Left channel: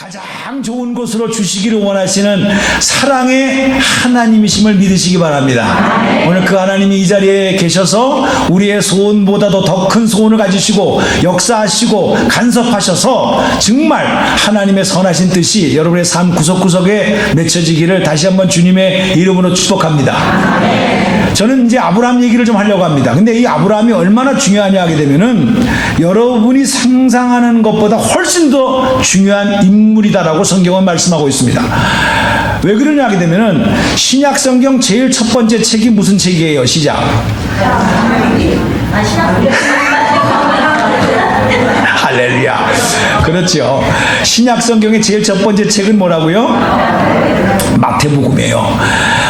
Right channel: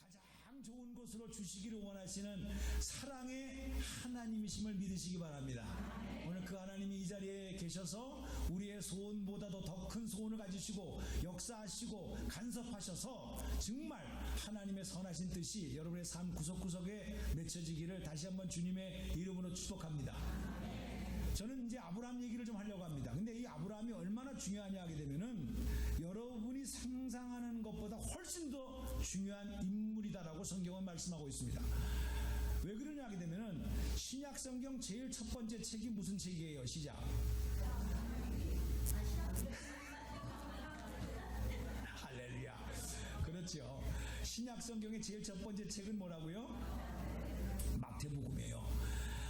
가장 좋은 곳으로 주시기를 원하시는 사랑의 하나님이심을 믿으시기 바랍니다. 오늘 그 하나님이 이 자리에 계셔서 우리의 소원보다도 더 큰 소원을 가지시고 역사하시고 간섭하셔서 정말 하나님의 선하신 뜻이 여러분의 삶 구석구석에 맺혀지기를 다시 한번 주님의 이름으로 축복합니다. 저는 이제 아브라함 얘기를 좀 하려고 합니다. 근데 이 아브라함이 얼마나 중요하냐 하게 되면은 여러분이 상상하는 것보다 훨씬 더 중요한 인물이다라고 성경은 말씀하고 있습니다. 왜 그러냐 하게 되면은 신약 성경 제일 첫 번째 책이 무슨 책이에요? 시작. 할렐루야. 그렇죠. 신약 성경의 제일 첫 번째 책은 뭐라고요? 마태복음이에요.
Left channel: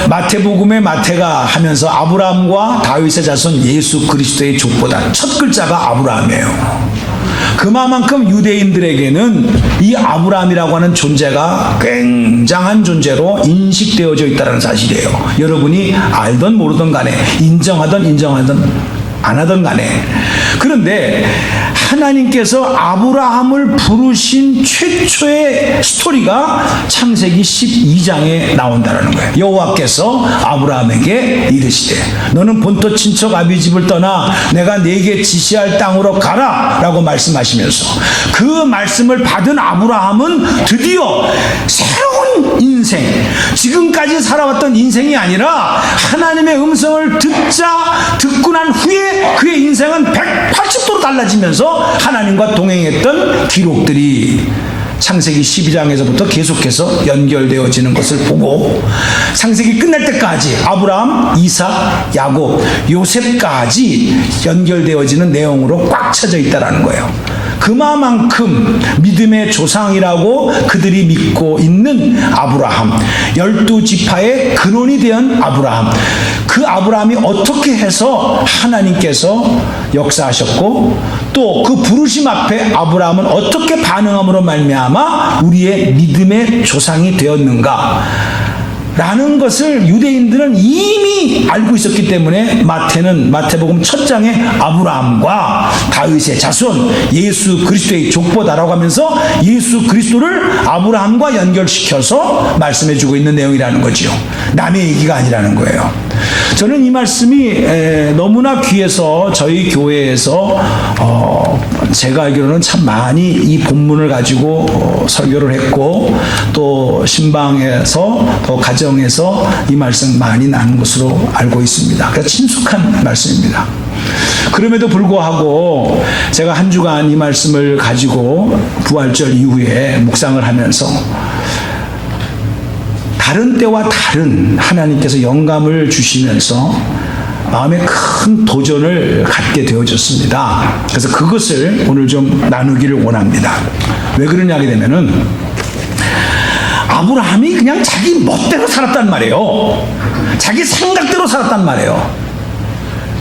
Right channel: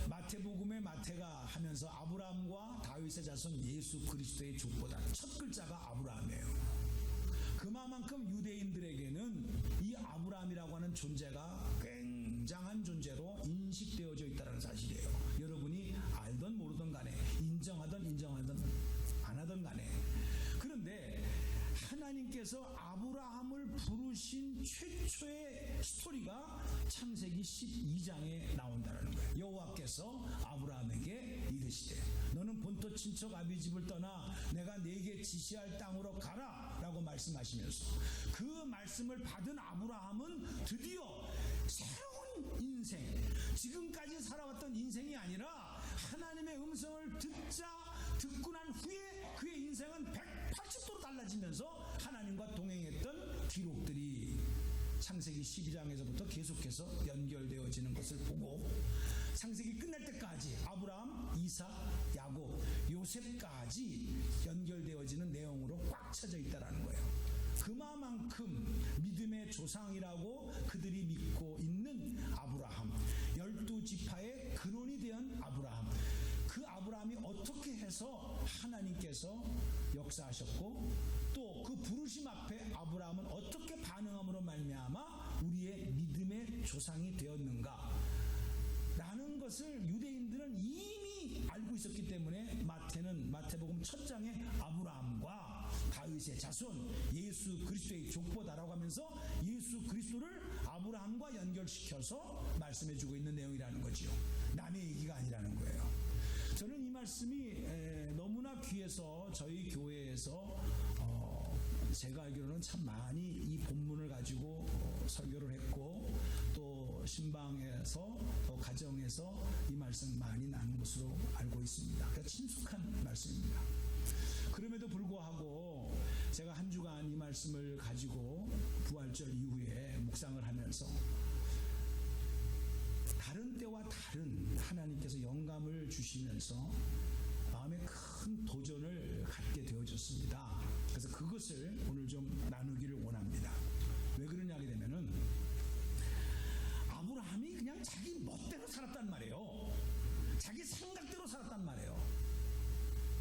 마태복음의 마태가 하면서 아브라함과 다윗의 자손 예수 그리스도의 족보다 첫 글자가 아브라함이에요. 그만큼 유대인들에게는 이 아브라함이라고 하는 존재가 굉장한 존재로 인식되어져 있다는 사실이에요. 여러분이 알던 모르던 간에 인정하던 안 하던 간에. 그런데 하나님께서 아브라함을 부르신 최초의 스토리가 창세기 12장에 나온다는 거예요. 여호와께서 아브라함에게 이르시되 너는 본토 친척 아비 집을 떠나 내가 네게 지시할 땅으로 가라 라고 말씀하시면서 그 말씀을 받은 아브라함은 드디어 새로운 인생, 지금까지 살아왔던 인생이 아니라 하나님의 음성을 듣고 난 후에 그의 인생은 180도로 달라지면서 하나님과 동행했던 기록들이 창세기 12장에서부터 계속해서 연결되어지는 것을 보고 창세기 끝날 때까지 아브라함, 이삭, 야곱, 요셉까지 연결되어지는 내용으로 꽉 차져 있다는 거예요. 그만큼 믿음의 조상이라고 그들이 믿고 있는 아브라함, 12지파의 근원이 된 아브라함, 그 아브라함이 어떻게 해서 하나님께서 역사하셨고 또 그 부르심 앞에 아브라함은 어떻게 반응함으로 말미암아 우리의 믿음의 조상이 되었는가 라는 것을 유대인들은 이미 알고 있었기 때문에 마태복음 첫 장에 아브라함과 다윗의 자손 예수 그리스도의 족보다라고 하면서 예수 그리스도를 아브라함과 연결시켜서 말씀해주고 있는 내용이라는 거죠. 남의 얘기가 아니라는 거예요. 저는 이 말씀이 너무나 귀해서 저희 교회에서 제가 알기로는 참 많이 이 본문을 가지고 설교를 했고 또 신방에서 또 가정에서 이 말씀 많이 나눈 것으로 알고 있습니다. 그래서 친숙한 말씀입니다. 그럼에도 불구하고 제가 한 주간 이 말씀을 가지고 부활절 이후에 묵상을 하면서 다른 때와 다른 하나님께서 영감을 주시면서 마음에 큰 도전을 갖게 되어졌습니다. 그래서 그것을 오늘 좀 나누기를 원합니다. 왜 그러냐 하게 되면은 아브라함이 그냥 자기 멋대로 살았단 말이에요. 자기 생각대로 살았단 말이에요.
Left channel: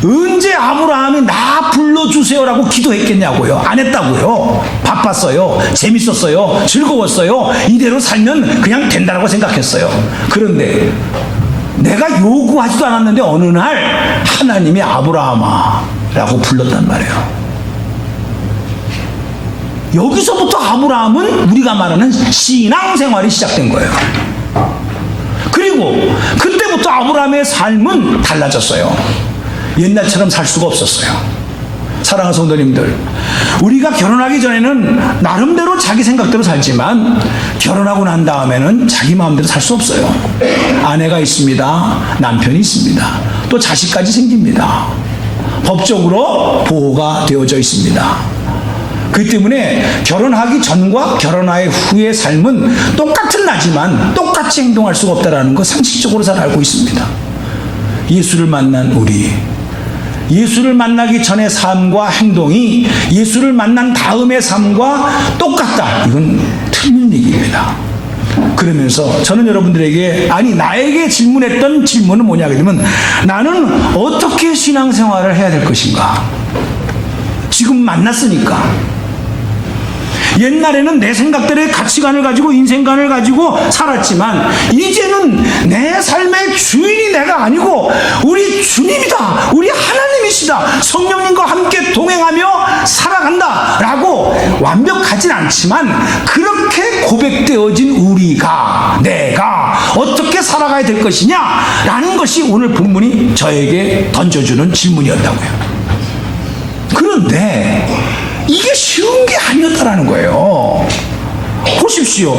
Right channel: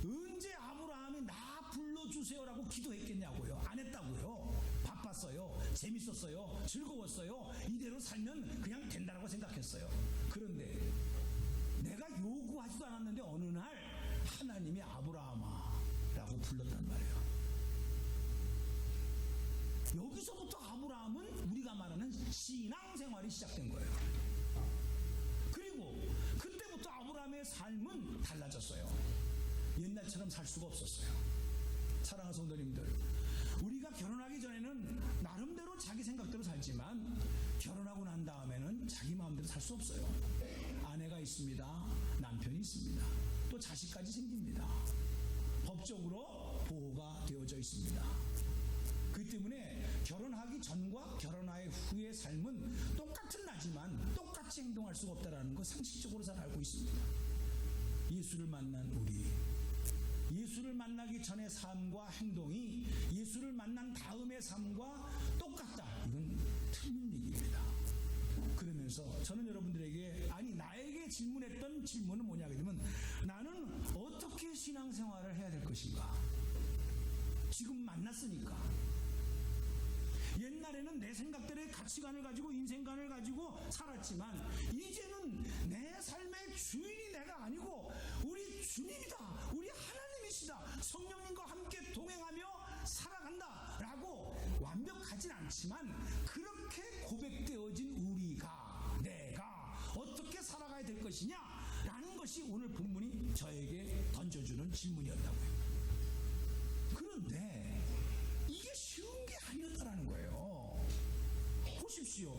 언제 아브라함이 나 불러주세요라고 기도했겠냐고요. 안 했다고요. 바빴어요. 재밌었어요. 즐거웠어요. 이대로 살면 그냥 된다라고 생각했어요. 그런데 내가 요구하지도 않았는데 어느 날 하나님이 아브라함아 라고 불렀단 말이에요. 여기서부터 아브라함은 우리가 말하는 신앙생활이 시작된 거예요. 그리고 그때부터 아브라함의 삶은 달라졌어요. 옛날처럼 살 수가 없었어요. 사랑하는 성도님들, 우리가 결혼하기 전에는 나름대로 자기 생각대로 살지만 결혼하고 난 다음에는 자기 마음대로 살 수 없어요. 아내가 있습니다. 남편이 있습니다. 또 자식까지 생깁니다. 법적으로 보호가 되어져 있습니다. 그렇기 때문에 결혼하기 전과 결혼하기 후의 삶은 똑같은 나지만 똑같이 행동할 수가 없다는 거 상식적으로 잘 알고 있습니다. 예수를 만난 우리, 예수를 만나기 전의 삶과 행동이 예수를 만난 다음의 삶과 똑같다. 이건 틀린 얘기입니다. 그러면서 저는 여러분들에게 나에게 질문했던 질문은 뭐냐 그러면 나는 어떻게 신앙생활을 해야 될 것인가? 지금 만났으니까. 옛날에는 내 생각대로의 가치관을 가지고 인생관을 가지고 살았지만 이제는 내 삶의 주인이 내가 아니고 우리 주님이다. 우리 하나님이시다. 것이다. 성령님과 함께 동행하며 살아간다라고 완벽하진 않지만 그렇게 고백되어진 우리가 내가 어떻게 살아가야 될 것이냐라는 것이 오늘 본문이 저에게 던져주는 질문이었다고요. 그런데 이게 쉬운 게 아니었다라는 거예요. 보십시오.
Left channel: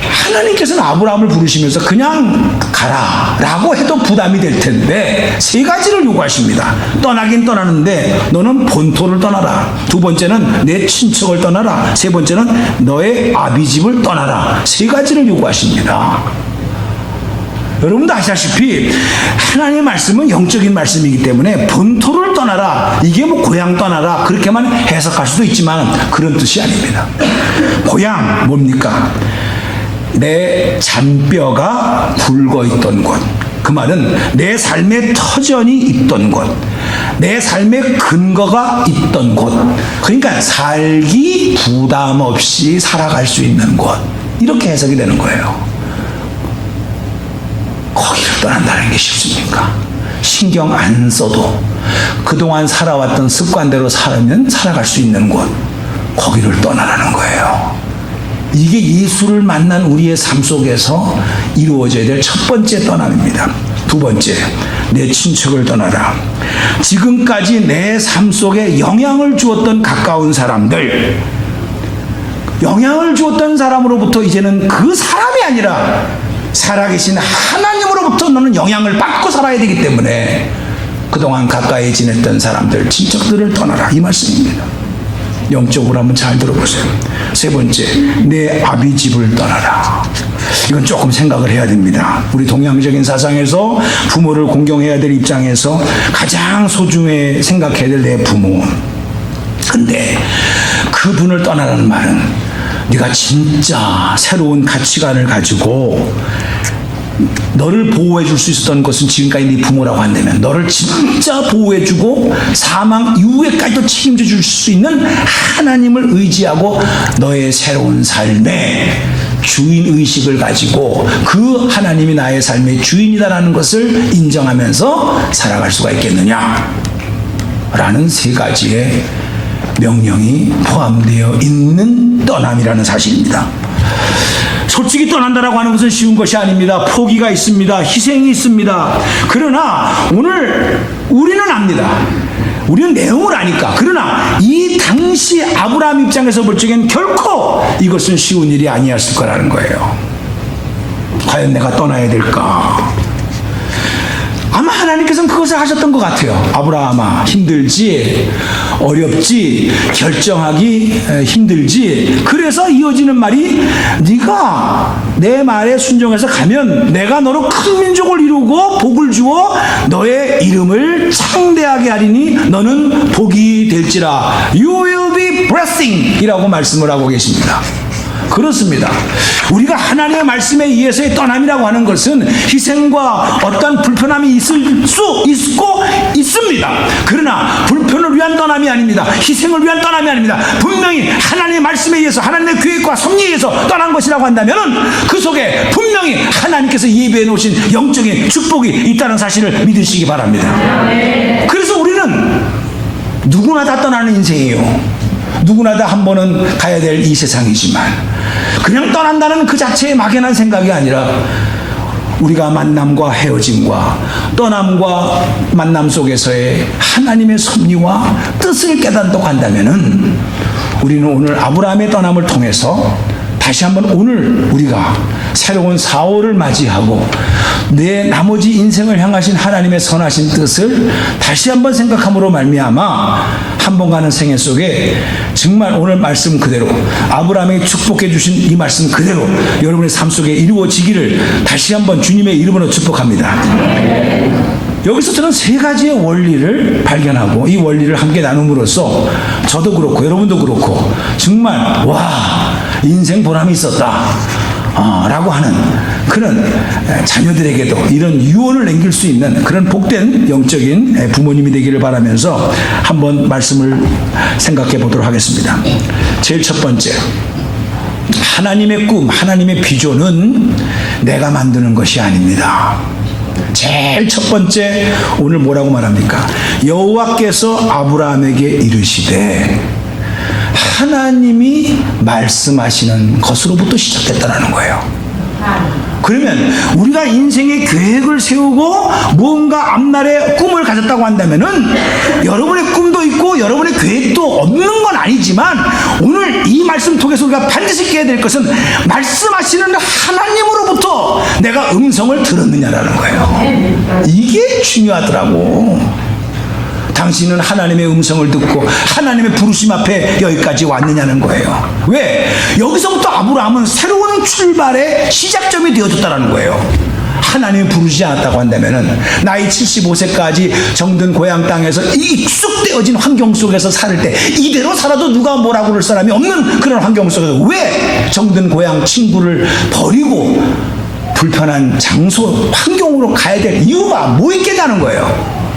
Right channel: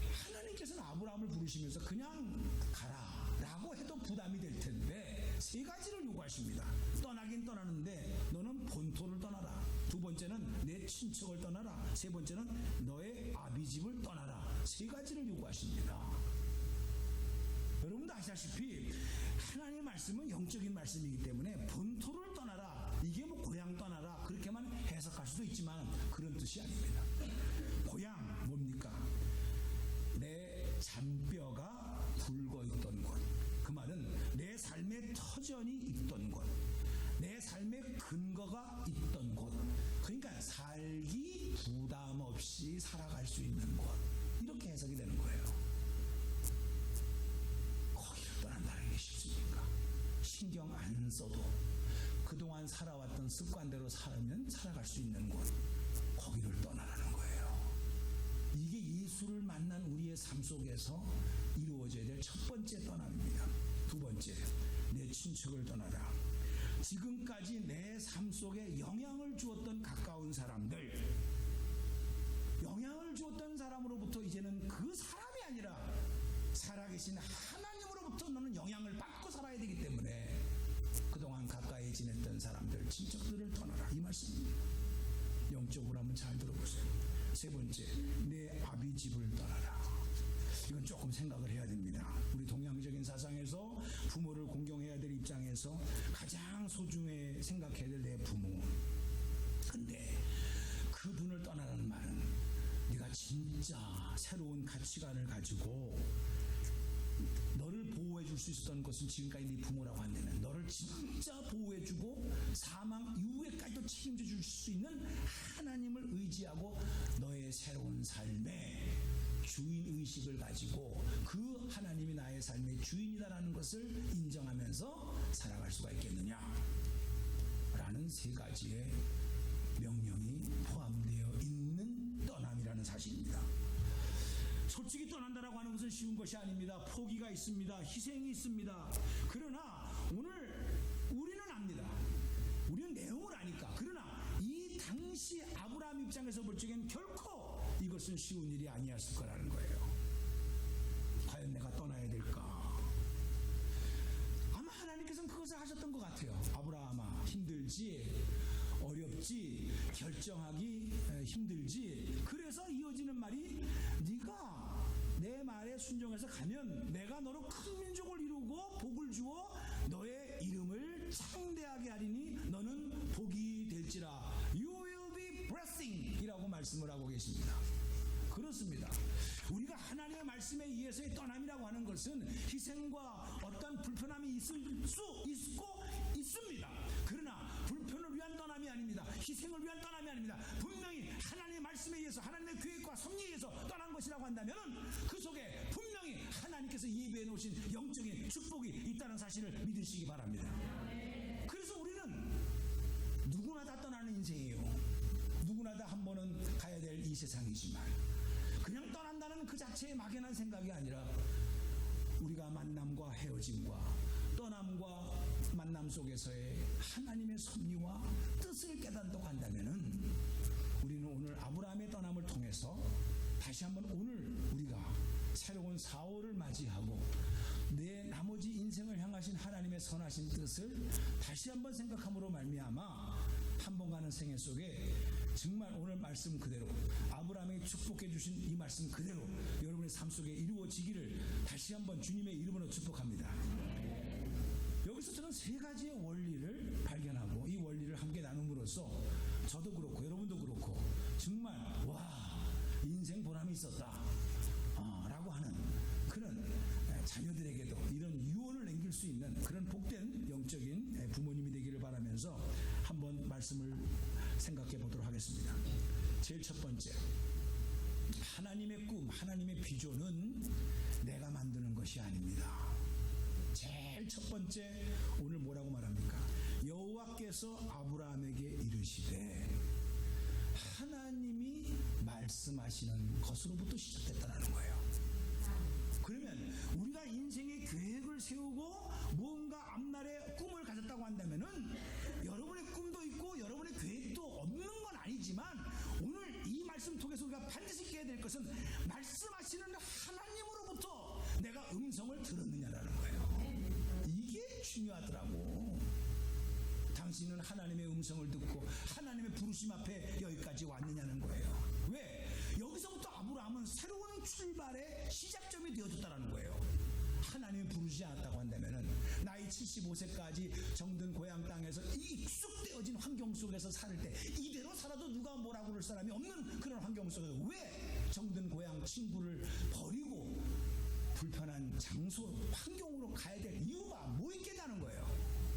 하나님께서는 아브라함을 부르시면서 그냥 가라 라고 해도 부담이 될 텐데 세 가지를 요구하십니다. 떠나긴 떠나는데 너는 본토를 떠나라. 두 번째는 내 친척을 떠나라. 세 번째는 너의 아비집을 떠나라. 세 가지를 요구하십니다. 여러분도 아시다시피 하나님의 말씀은 영적인 말씀이기 때문에 본토를 떠나라, 이게 뭐 고향 떠나라 그렇게만 해석할 수도 있지만 그런 뜻이 아닙니다. 고향 뭡니까? 내 잔뼈가 굵어있던 곳, 그 말은 내 삶의 터전이 있던 곳, 내 삶의 근거가 있던 곳, 그러니까 살기 부담 없이 살아갈 수 있는 곳, 이렇게 해석이 되는 거예요. 거기를 떠난다는 게 쉽습니까? 신경 안 써도 그동안 살아왔던 습관대로 살면 살아갈 수 있는 곳, 거기를 떠나라는 거예요. 이게 예수를 만난 우리의 삶 속에서 이루어져야 될 첫 번째 떠남입니다. 두 번째, 내 친척을 떠나라. 지금까지 내 삶 속에 영향을 주었던 가까운 사람들, 영향을 주었던 사람으로부터 이제는 그 사람이 아니라 살아계신 하나님으로부터 너는 영향을 받고 살아야 되기 때문에 그동안 가까이 지냈던 사람들, 친척들을 떠나라, 이 말씀입니다. 영적으로 한번 잘 들어보세요. 세 번째, 내 아비집을 떠나라. 이건 조금 생각을 해야 됩니다. 우리 동양적인 사상에서 부모를 공경해야 될 입장에서 가장 소중히 생각해야 될 내 부모. 근데 그분을 떠나라는 말은 네가 진짜 새로운 가치관을 가지고 너를 보호해 줄 수 있었던 것은 지금까지 네 부모라고 한다면 너를 진짜 보호해 주고 사망 이후에까지도 책임져 줄 수 있는 하나님을 의지하고 너의 새로운 삶의 주인의식을 가지고 그 하나님이 나의 삶의 주인이다라는 것을 인정하면서 살아갈 수가 있겠느냐 라는 세 가지의 명령이 포함되어 있는 떠남이라는 사실입니다. 솔직히 떠난다라고 하는 것은 쉬운 것이 아닙니다. 포기가 있습니다. 희생이 있습니다. 그러나 오늘 우리는 압니다. 우리는 내용을 아니까. 그러나 이 당시 아브라함 입장에서 볼 적엔 결코 이것은 쉬운 일이 아니었을 거라는 거예요. 과연 내가 떠나야 될까? 아마 하나님께서는 그것을 하셨던 것 같아요. 아브라함아, 힘들지, 어렵지, 결정하기 힘들지. 그래서 이어지는 말이 네가 내 말에 순종해서 가면 내가 너로 큰 민족을 이루고 복을 주어 너의 이름을 창대하게 하리니 너는 복이 될지라. You will be blessing 이라고 말씀을 하고 계십니다. 그렇습니다. 우리가 하나님의 말씀에 의해서의 떠남이라고 하는 것은 희생과 어떤 불편함이 있을 수 있고 있습니다. 그러나 불편을 위한 떠남이 아닙니다. 희생을 위한 떠남이 아닙니다. 분명히 하나님의 말씀에 의해서 하나님의 계획과 섭리에 의해서 떠난 것이라고 한다면 그 속에 분명히 하나님께서 예배해 놓으신 영적인 축복이 있다는 사실을 믿으시기 바랍니다. 그래서 우리는 누구나 다 떠나는 인생이에요. 누구나 다 한 번은 가야 될 이 세상이지만 그냥 떠난다는 그 자체의 막연한 생각이 아니라 우리가 만남과 헤어짐과 떠남과 만남 속에서의 하나님의 섭리와 뜻을 깨닫고 간다면은 우리는 오늘 아브라함의 떠남을 통해서 다시 한번 오늘 우리가 새로운 4월을 맞이하고 내 나머지 인생을 향하신 하나님의 선하신 뜻을 다시 한번 생각함으로 말미암아 한 번 가는 생애 속에 정말 오늘 말씀 그대로 아브라함에게 축복해 주신 이 말씀 그대로 여러분의 삶 속에 이루어지기를 다시 한번 주님의 이름으로 축복합니다. 여기서 저는 세 가지의 원리를 발견하고 이 원리를 함께 나눔으로써 저도 그렇고 여러분도 그렇고 정말 와 인생 보람이 있었다 라고 하는 그런 자녀들에게도 이런 유언을 남길 수 있는 그런 복된 영적인 부모님이 되기를 바라면서 한번 말씀을 생각해 보도록 하겠습니다. 제일 첫 번째, 하나님의 꿈, 하나님의 비전은 내가 만드는 것이 아닙니다. 제일 첫 번째 오늘 뭐라고 말합니까? 여호와께서 아브라함에게 이르시되, 하나님이 말씀하시는 것으로부터 시작됐다는 거예요. 그러면 우리가 인생의 계획을 세우고 무언가 앞날에 꿈을 가졌다고 한다면은 여러분의 꿈도 있고 여러분의 계획도 없는 건 아니지만, 오늘 이 말씀 통해서 우리가 반드시 깨야 될 것은 말씀하시는 하나님으로부터 내가 음성을 들었느냐라는 거예요. 이게 중요하더라고. 당신은 하나님의 음성을 듣고 하나님의 부르심 앞에 여기까지 왔느냐는 거예요. 왜? 여기서부터 아브라함은 새로운 출발의 시작점이 되어졌다는 거예요. 하나님이 부르지 않았다고 한다면은 나이 75세까지 정든 고향 땅에서 익숙되어진 환경 속에서 살 때 이대로 살아도 누가 뭐라고 그럴 사람이 없는 그런 환경 속에서 왜 정든 고향 친구를 버리고 불편한 장소 환경으로 가야 될 이유가 뭐 있겠냐는 거예요.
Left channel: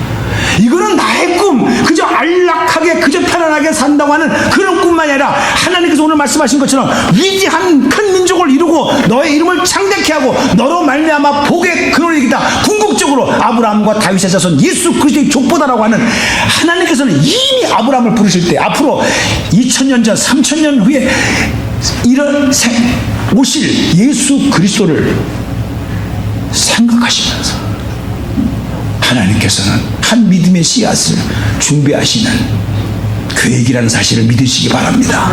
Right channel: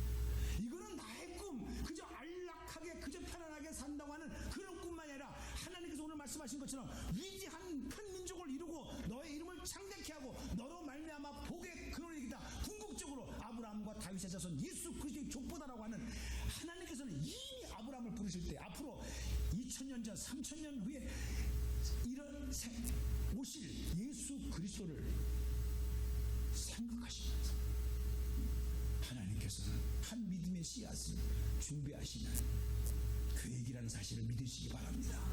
이거는 나의 꿈, 그저 안락하게 그저 편안하게 산다고 하는 그런 꿈만이 아니라 하나님께서 오늘 말씀하신 것처럼 위대한 큰 민족을 이루고 너의 이름을 창대케 하고 너로 말미암아 복의 근원을 이기다. 궁극적으로 아브라함과 다윗의 자손 예수 그리스도의 족보다라고 하는, 하나님께서는 이미 아브라함을 부르실 때 앞으로 2000년 전 3000년 후에 이런 오실 예수 그리스도를 생각하시면서 하나님께서는 한 믿음의 씨앗을 준비하시는 계획이라는 사실을 믿으시기 바랍니다.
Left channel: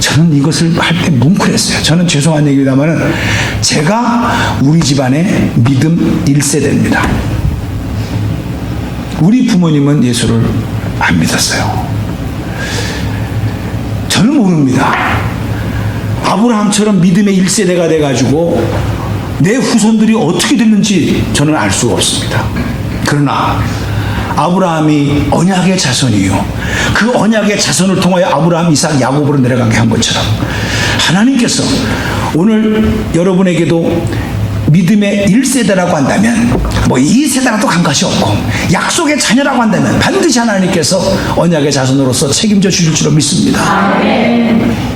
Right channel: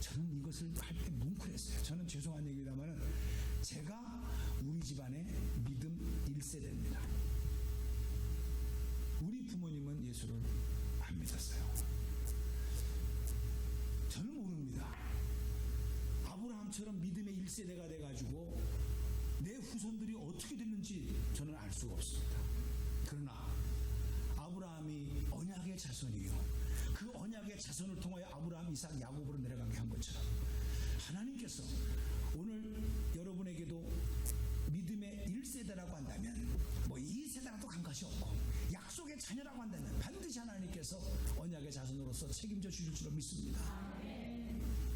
저는 이것을 할 때 뭉클했어요. 저는 죄송한 얘기입니다만은 제가 우리 집안의 믿음 1세대입니다. 우리 부모님은 예수를 안 믿었어요. 저는 모릅니다. 아브라함처럼 믿음의 1세대가 돼가지고 내 후손들이 어떻게 됐는지 저는 알 수가 없습니다. 그러나 아브라함이 언약의 자손이요, 그 언약의 자손을 통하여 아브라함, 이삭, 야곱으로 내려가게 한 것처럼 하나님께서 오늘 여러분에게도 믿음의 1세대라고 한다면, 뭐 2세대라도 간것이 없고 약속의 자녀라고 한다면 반드시 하나님께서 언약의 자손으로서 책임져 주실 줄로 믿습니다.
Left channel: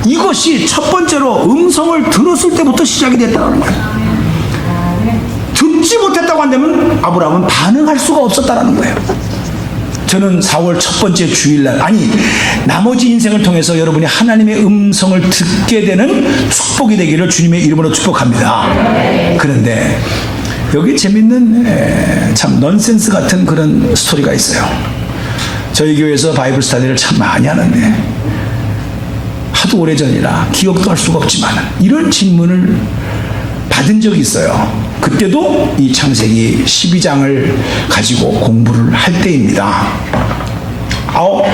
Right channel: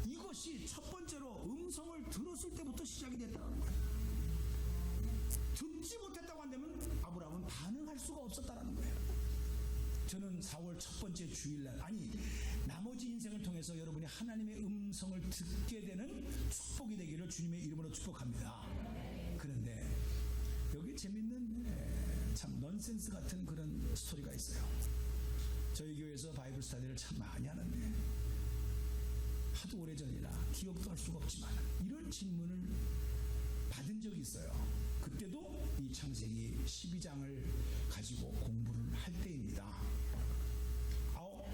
이것이 첫 번째로 음성을 들었을 때부터 시작이 됐다는 거예요. 듣지 못했다고 한다면 아브라함은 반응할 수가 없었다는 거예요. 저는 4월 첫 번째 주일날, 아니 나머지 인생을 통해서 여러분이 하나님의 음성을 듣게 되는 축복이 되기를 주님의 이름으로 축복합니다. 그런데 여기 재밌는 참 넌센스 같은 그런 스토리가 있어요. 저희 교회에서 바이블 스터디를 참 많이 하는데 하도 오래전이라 기억도 할 수가 없지만 이런 질문을 받은 적이 있어요. 그때도 이 창세기 12장을 가지고 공부를 할 때입니다.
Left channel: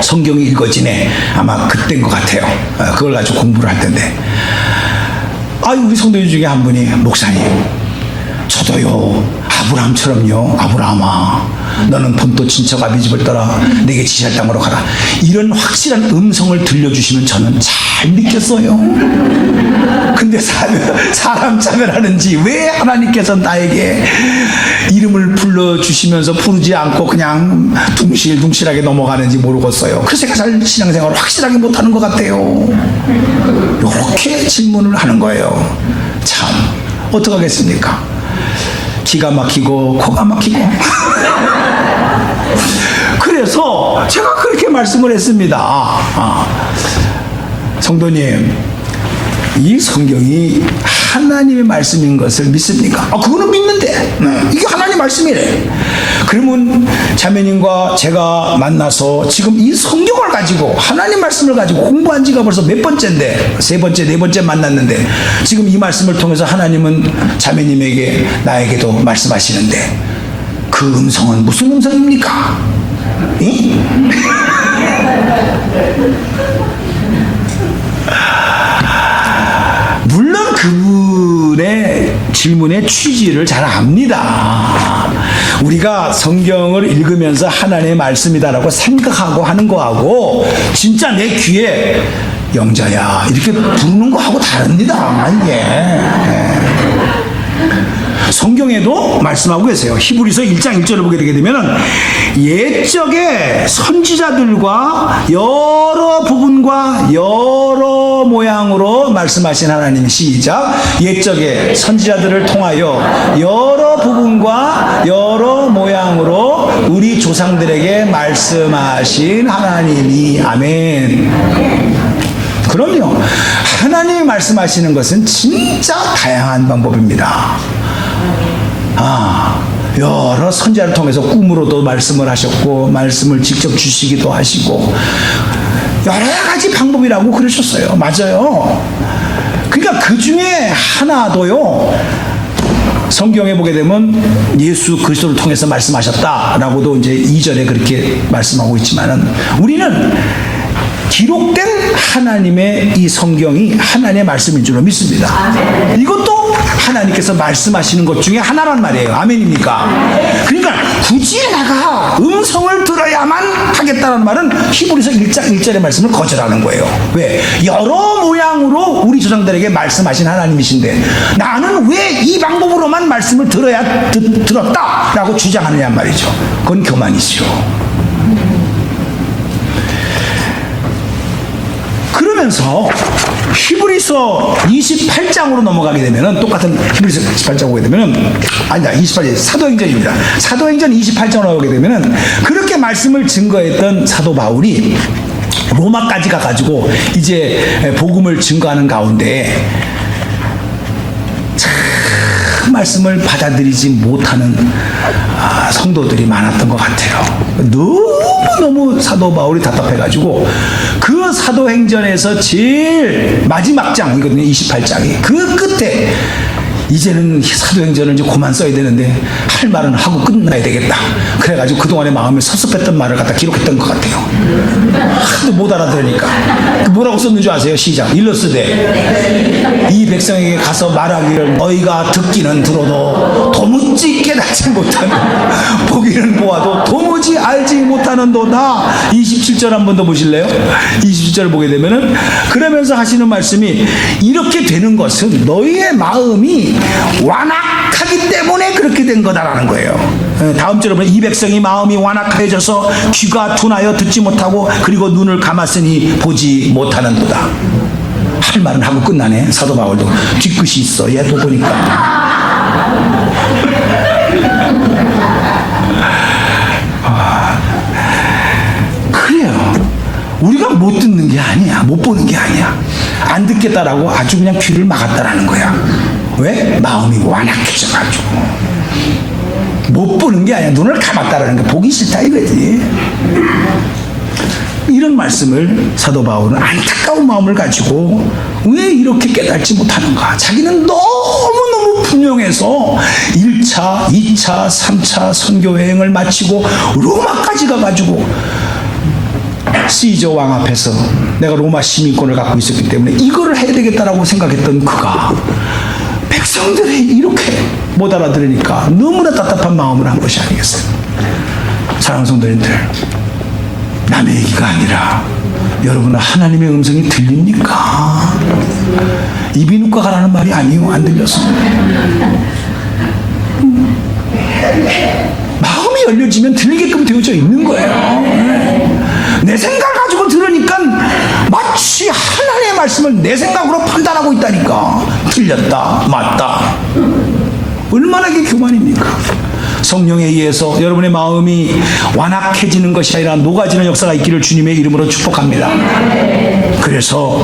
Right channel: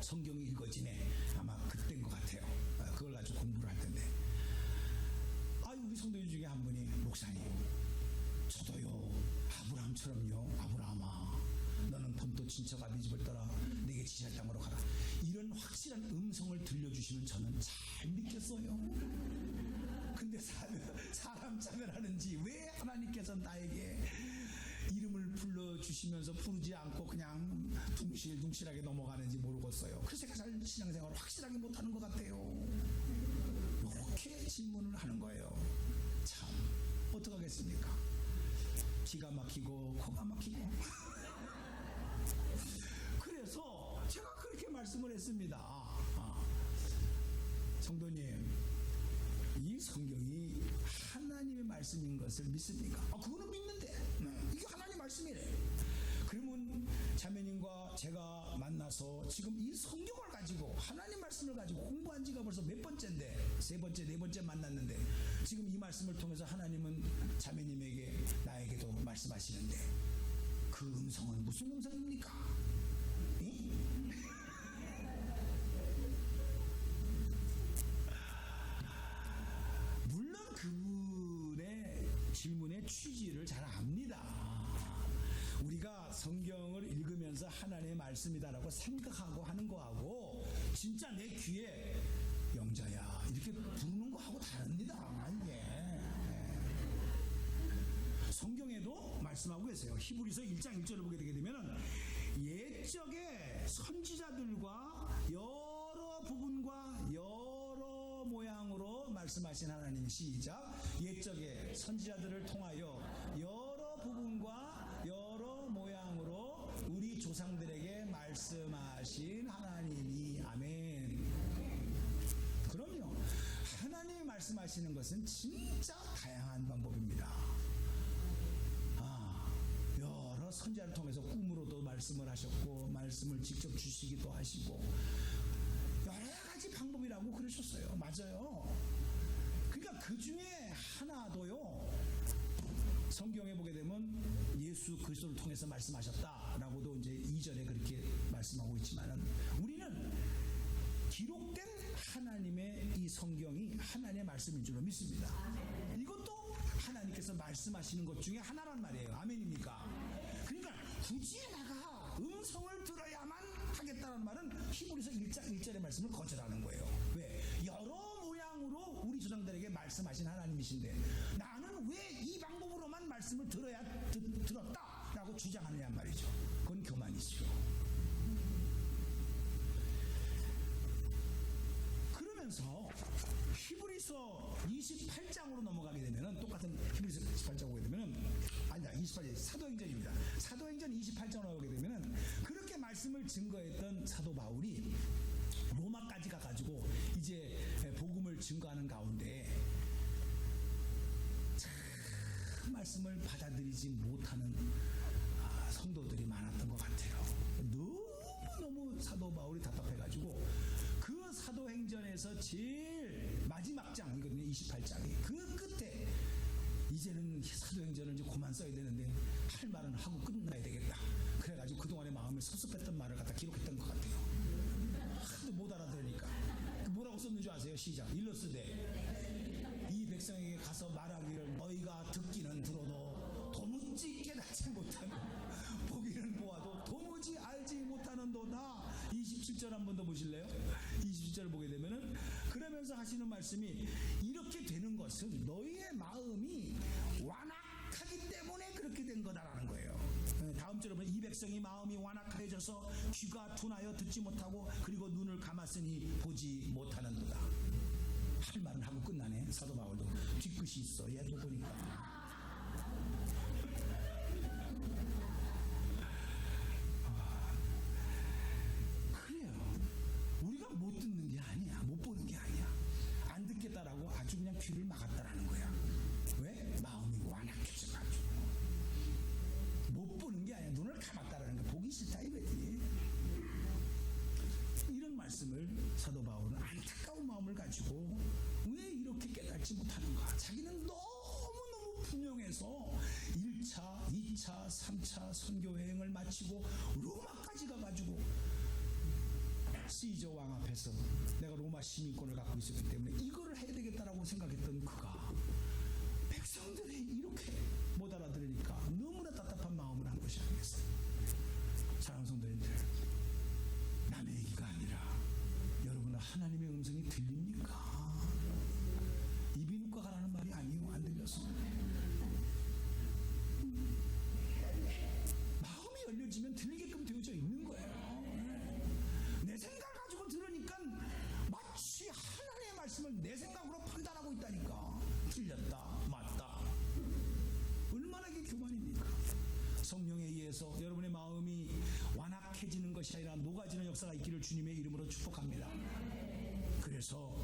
성경이 읽어지네. 아마 그때인 것 같아요. 그걸 가지고 공부를 할 텐데, 우리 성도님 중에 한 분이, 목사님, 저도요 아브라함처럼요, 아브라함아 너는 본토 친척 아비 집을 떠나 내게 지시할 땅으로 가라, 이런 확실한 음성을 들려주시면 저는 잘 믿겠어요. 근데 사람 차별하는지 왜 하나님께서 나에게 이름을 불러주시면서 부르지 않고 그냥 둥실둥실하게 넘어가는지 모르겠어요. 그래서 제가 잘 신앙생활을 확실하게 못하는 것 같아요. 이렇게 질문을 하는 거예요. 참 어떡하겠습니까? 기가 막히고 코가 막히고 그래서 제가 그렇게 말씀을 했습니다. 성도님, 이 성경이 하나님의 말씀인 것을 믿습니까? 그거는 믿는데, 이게 하나님의 말씀이래. 그러면 자매님과 제가 만나서 지금 이 성경을 가지고, 하나님 말씀을 가지고 공부한 지가 벌써 몇 번째인데, 세 번째, 네 번째 만났는데, 지금 이 말씀을 통해서 하나님은 자매님에게, 나에게도 말씀하시는데, 그 음성은 무슨 음성입니까? 물론 그분의 질문의 취지를 잘 압니다. 우리가 성경을 읽으면서 하나님의 말씀이다라고 생각하고 하는 거하고 진짜 내 귀에 영자야 이렇게 부르는 거하고 다릅니다. 이게 성경에도 말씀하고 계세요. 히브리서 1장 1절을 보게 되게 되면 옛적에 선지자들과 여러 부분과 여러 모양으로 말씀하신 하나님. 시작. 옛적에 선지자들을 통하여 여러 부분과 여러 모양으로 우리 조상들에게 말씀하신 하나님이. 아멘. 그럼요. 하나님이 말씀하시는 것은 진짜 다양한 방법입니다. 여러 선지자를 통해서 꿈으로도 말씀을 하셨고, 말씀을 직접 주시기도 하시고, 여러 가지 방법이라고 그러셨어요. 맞아요. 그러니까 그 중에 하나도요, 성경에 보게 되면 예수 그리스도를 통해서 말씀하셨다라고도 이제 2절에 그렇게 말씀하고 있지만은, 우리는 기록된 하나님의 이 성경이 하나님의 말씀인 줄로 믿습니다. 이것도 하나님께서 말씀하시는 것 중에 하나란 말이에요. 아멘입니까? 그러니까 굳이 내가 음성을 들어야만 하겠다는 말은 히브리서 1장 1절의 말씀을 거절하는 거예요. 왜? 여러 모양으로 우리 조상들에게 말씀하신 하나님이신데 나는 왜 이 방법으로만 말씀을 들었다라고 주장하느냐 말이죠. 그건 교만이죠. 그러면서 히브리서 28장으로 넘어가게 되면은, 똑같은 히브리서 28장 오게 되면은, 아니다, 28장 사도행전입니다. 사도행전 28장으로 나오게 되면은, 그렇게 말씀을 증거했던 사도 바울이 로마까지 가가지고 이제 복음을 증거하는 가운데 참 말씀을 받아들이지 못하는 성도들이 많았던 것 같아요. 너무 사도 바울이 답답해가지고 그 사도행전에서 제일 마지막 장이거든요. 28장이. 그 끝에 이제는 사도행전을 이제 그만 써야 되는데 할 말은 하고 끝나야 되겠다. 그래가지고 그동안의 마음에 섭섭했던 말을 갖다 기록했던 것 같아요. 하도 못 알아들으니까. 뭐라고 썼는 줄 아세요? 시작. 일러스되 이 백성에게 가서 말하기를 너희가 듣기는 들어도 도무지 깨닫지 못하는, 보기는 보아도 도무지 알지 못하는도다. 27절 한 번 더 보실래요? 27절을 보게 되면은, 그러면서 하시는 말씀이, 이렇게 되는 것은 너희의 마음이 완악하기 때문에 그렇게 된 거다라는 거예요. 다음 절에 보면 이 백성이 마음이 완악해져서 귀가 둔하여 듣지 못하고 그리고 눈을 감았으니 보지 못하는도다. 할 말은 하고 끝나네. 사도 바울도 뒤끝이 있어. 얘도 보니까. 그래요. 우리가 못 듣는 게 아니야. 못 보는 게 아니야. 안 듣겠다라고 아주 그냥 귀를 막았다라는 거야. 왜? 마음이 완악해져가지고. 못 보는 게 아니야. 눈을 감았다라는 게 보기 싫다 이거지. 이런 말씀을 사도 바울은 안타까운 마음을 가지고 왜 이렇게 깨닫지 못하는가. 자기는 너무너무 분명해서 1차, 2차, 3차 선교 여행을 마치고 로마까지 가가지고 시저 왕 앞에서 내가 로마 시민권을 갖고 있었기 때문에 이거를 해야 되겠다라고 생각했던 그가 백성들이 이렇게 못 알아들으니까 너무나 답답한 마음을 한 것이 아니겠어요. 사랑하는 성도님들, 남의 얘기가 아니라 여러분 하나님의 음성이 들립니까? 이비인후과 가라는 말이 아니요. 안 들려서. 마음이 열려지면 들리게끔 되어져 있는 거예요. 내 생각 가지고 들으니까 마치 하나님의 말씀을 내 생각으로 판단하고 있다니까. 틀렸다, 맞다. 얼마나 이게 교만입니까? 성령에 의해서 여러분의 마음이 완악해지는 것이 아니라 녹아지는 역사가 있기를 주님의 이름으로 축복합니다. 그래서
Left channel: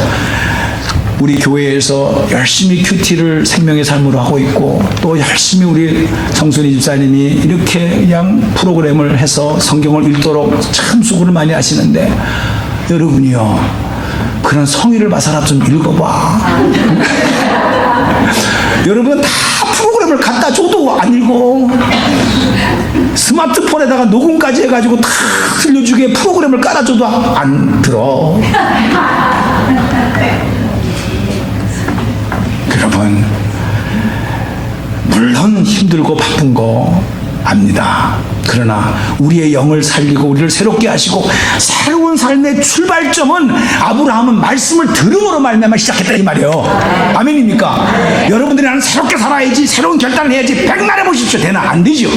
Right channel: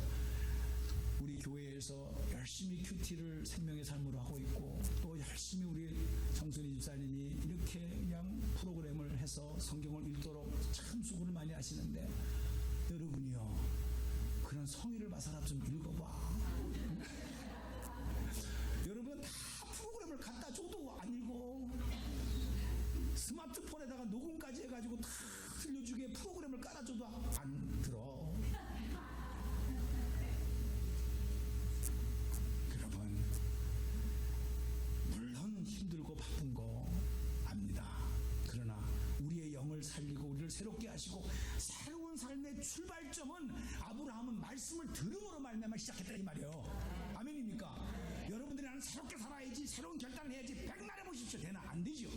우리 교회에서 열심히 큐티를 생명의 삶으로 하고 있고, 또 열심히 우리 성순이 집사님이 이렇게 그냥 프로그램을 해서 성경을 읽도록 참 수고를 많이 하시는데, 여러분이요, 그런 성의를 봐서라 좀 읽어봐. 여러분 다 프로그램을 갖다 줘도 안 읽어. 스마트폰에다가 녹음까지 해가지고 다 들려주게 프로그램을 깔아줘도 안 들어. 여러분, 물론 힘들고 바쁜 거 압니다. 그러나 우리의 영을 살리고 우리를 새롭게 하시고 새로운 삶의 출발점은 아브라함은 말씀을 들음으로 말미암아 시작했다 이 말이에요. 아멘입니까? 여러분들이 나는 새롭게 살아야지, 새로운 결단을 해야지, 백날 해보십시오. 되나? 안 되죠.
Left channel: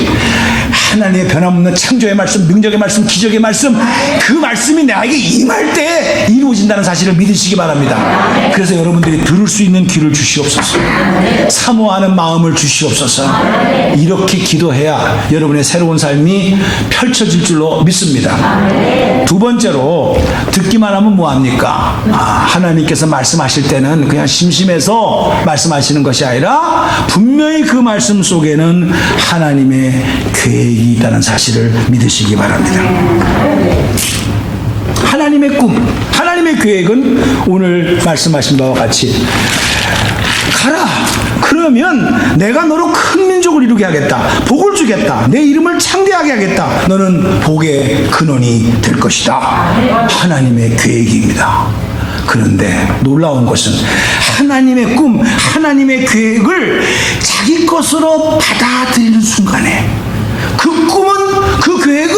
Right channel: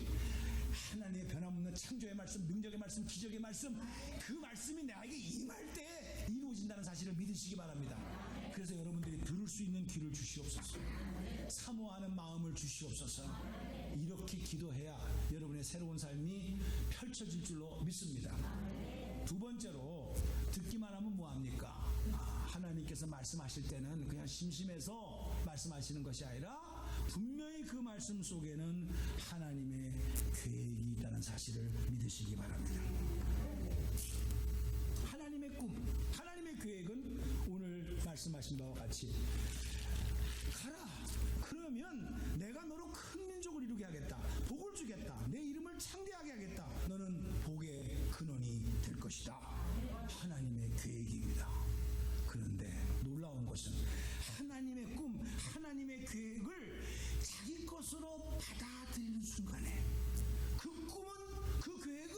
하나님의 변함없는 창조의 말씀, 능력의 말씀, 기적의 말씀, 그 말씀이 나에게 임할 때 이루어진다는 사실을 믿으시기 바랍니다. 그래서 여러분들이 들을 수 있는 귀를 주시옵소서, 사모하는 마음을 주시옵소서. 이렇게 기도해야 여러분의 새로운 삶이 펼쳐질 줄로 믿습니다. 두 번째로, 듣기만 하면 뭐합니까? 하나님께서 말씀하실 때는 그냥 심심해서 말씀하시는 것이 아니라 분명히 그 말씀 속에는 하나님의 계획이 있다는 사실을 믿으시기 바랍니다. 하나님의 꿈, 하나님의 계획은 오늘 말씀하신 바와 같이 가라. 그러면 내가 너로 큰 민족을 이루게 하겠다. 복을 주겠다. 내 이름을 창대하게 하겠다. 너는 복의 근원이 될 것이다. 하나님의 계획입니다. 그런데 놀라운 것은 하나님의 꿈, 하나님의 계획을 자기 것으로 받아들이는 순간에 그 꿈은, 그 계획은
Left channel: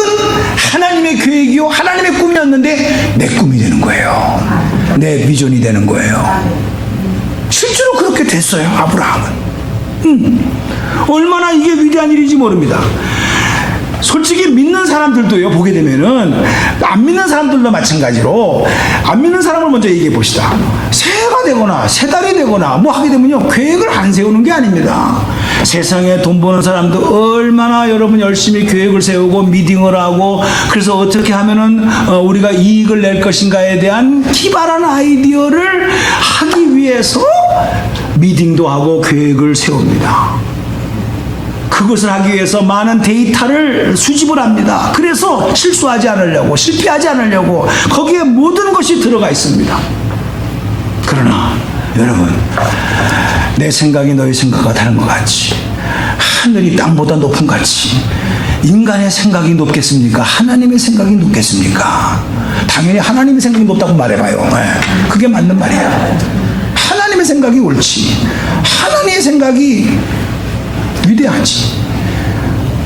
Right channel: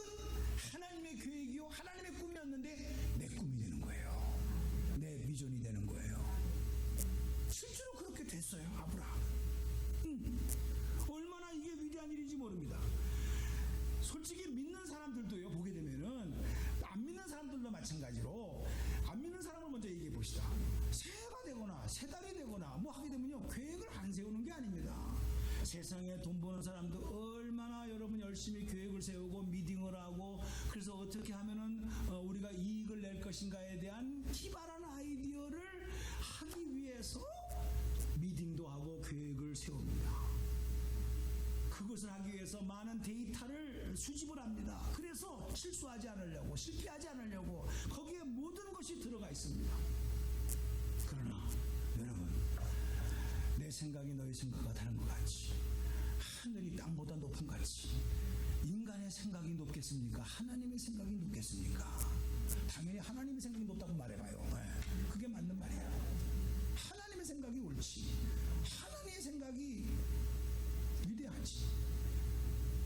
하나님의 계획이요 하나님의 꿈이었는데 내 꿈이 되는 거예요. 내 비전이 되는 거예요. 실제로 그렇게 됐어요. 아브라함은. 얼마나 이게 위대한 일인지 모릅니다. 솔직히 믿는 사람들도요, 보게 되면은 안 믿는 사람들도 마찬가지로 안 믿는 사람을 먼저 얘기해 봅시다. 새해가 되거나 새 달이 되거나 뭐 하게 되면요, 계획을 안 세우는 게 아닙니다. 세상에 돈 버는 사람도 얼마나 여러분 열심히 계획을 세우고 미팅을 하고, 그래서 어떻게 하면은 우리가 이익을 낼 것인가에 대한 기발한 아이디어를 하기 위해서 미팅도 하고 계획을 세웁니다. 그것을 하기 위해서 많은 데이터를 수집을 합니다. 그래서 실수하지 않으려고, 실패하지 않으려고 거기에 모든 것이 들어가 있습니다. 그러나 여러분, 내 생각이 너희 생각과 다른 것 같이, 하늘이 땅보다 높은 같이 인간의 생각이 높겠습니까? 하나님의 생각이 높겠습니까? 당연히 하나님의 생각이 높다고 말해봐요. 그게 맞는 말이야. 하나님의 생각이 옳지. 하나님의 생각이 위대하지.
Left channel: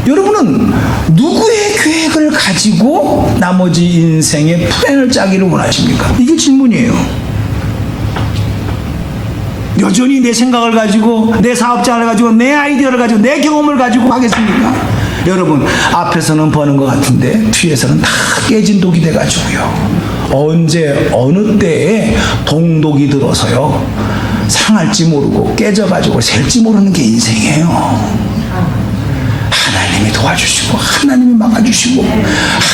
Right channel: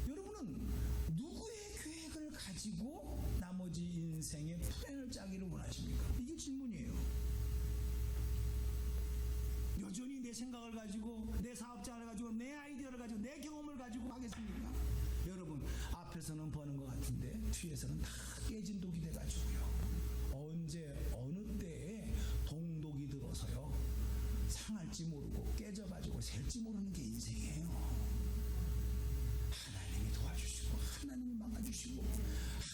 여러분은 누구의 계획을 가지고 나머지 인생의 플랜을 짜기를 원하십니까? 이게 질문이에요. 여전히 내 생각을 가지고, 내 사업장을 가지고, 내 아이디어를 가지고, 내 경험을 가지고 하겠습니까? 여러분, 앞에서는 버는 것 같은데 뒤에서는 다 깨진 독이 돼가지고요, 언제 어느 때에 동독이 들어서요 상할지 모르고 깨져가지고 셀지 모르는 게 인생이에요. 하나님이 도와주시고 하나님이 막아주시고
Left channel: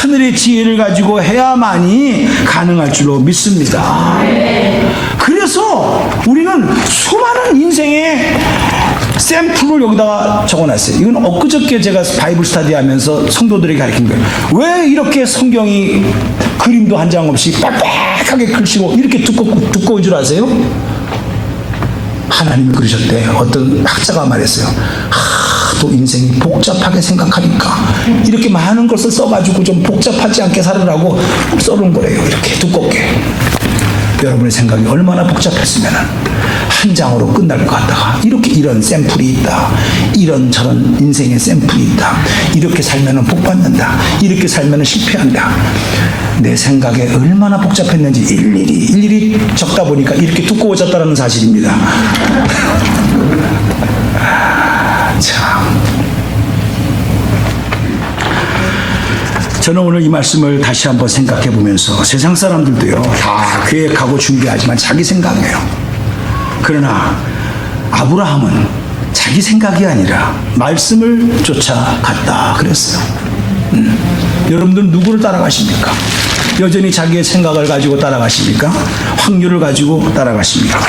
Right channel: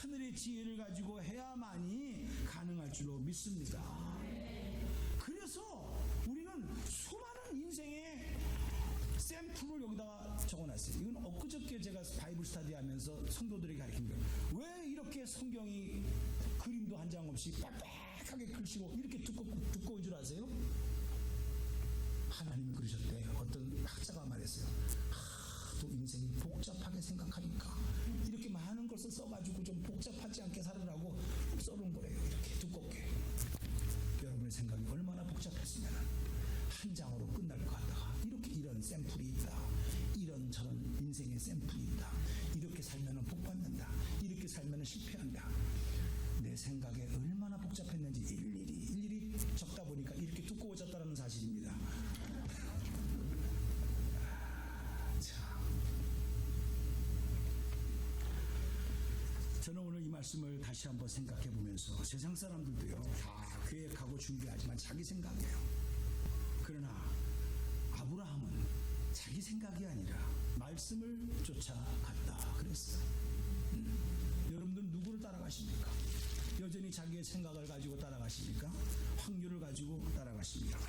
하늘의 지혜를 가지고 해야만이 가능할 줄로 믿습니다. 그래서 우리는 수많은 인생의 샘플을 여기다가 적어놨어요. 이건 엊그저께 제가 바이블 스터디 하면서 성도들에게 가르친 거예요. 왜 이렇게 성경이 그림도 한 장 없이 빽빽하게 글씨고 이렇게 두꺼운 줄 아세요? 하나님이 그러셨대. 어떤 학자가 말했어요. 또 인생이 복잡하게 생각하니까 이렇게 많은 것을 써가지고 좀 복잡하지 않게 살으라고 써놓은 거래요. 이렇게 두껍게. 여러분의 생각이 얼마나 복잡했으면 한 장으로 끝날 것 같다가 이렇게 이런 샘플이 있다, 이런 저런 인생의 샘플이 있다, 이렇게 살면 복 받는다, 이렇게 살면 실패한다. 내 생각에 얼마나 복잡했는지 일일이 적다 보니까 이렇게 두꺼워졌다는 사실입니다. 참, 저는 오늘 이 말씀을 다시 한번 생각해 보면서 세상 사람들도요 다 계획하고 준비하지만 자기 생각이에요. 그러나 아브라함은 자기 생각이 아니라 말씀을 쫓아갔다 그랬어요. 여러분들 누구를 따라가십니까? 여전히 자기의 생각을 가지고 따라가십니까? 확률을 가지고 따라가십니까?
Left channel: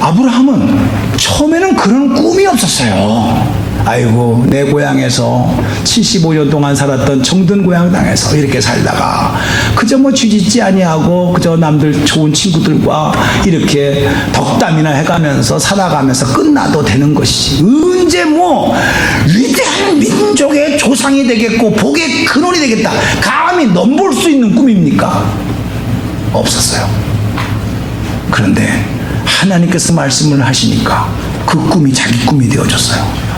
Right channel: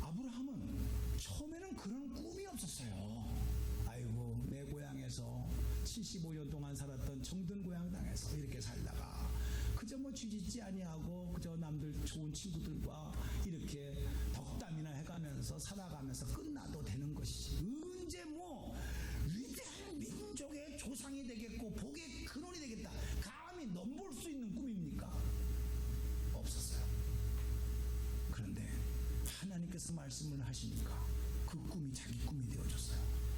아브라함은 처음에는 그런 꿈이 없었어요. 아이고, 내 고향에서 75년 동안 살았던 정든 고향 땅에서 이렇게 살다가 그저 뭐 쥐짓지 아니하고 그저 남들 좋은 친구들과 이렇게 덕담이나 해가면서 살아가면서 끝나도 되는 것이지, 언제 뭐 위대한 민족의 조상이 되겠고 복의 근원이 되겠다 감히 넘볼 수 있는 꿈입니까? 없었어요. 그런데 하나님께서 말씀을 하시니까 그 꿈이 자기 꿈이 되어졌어요.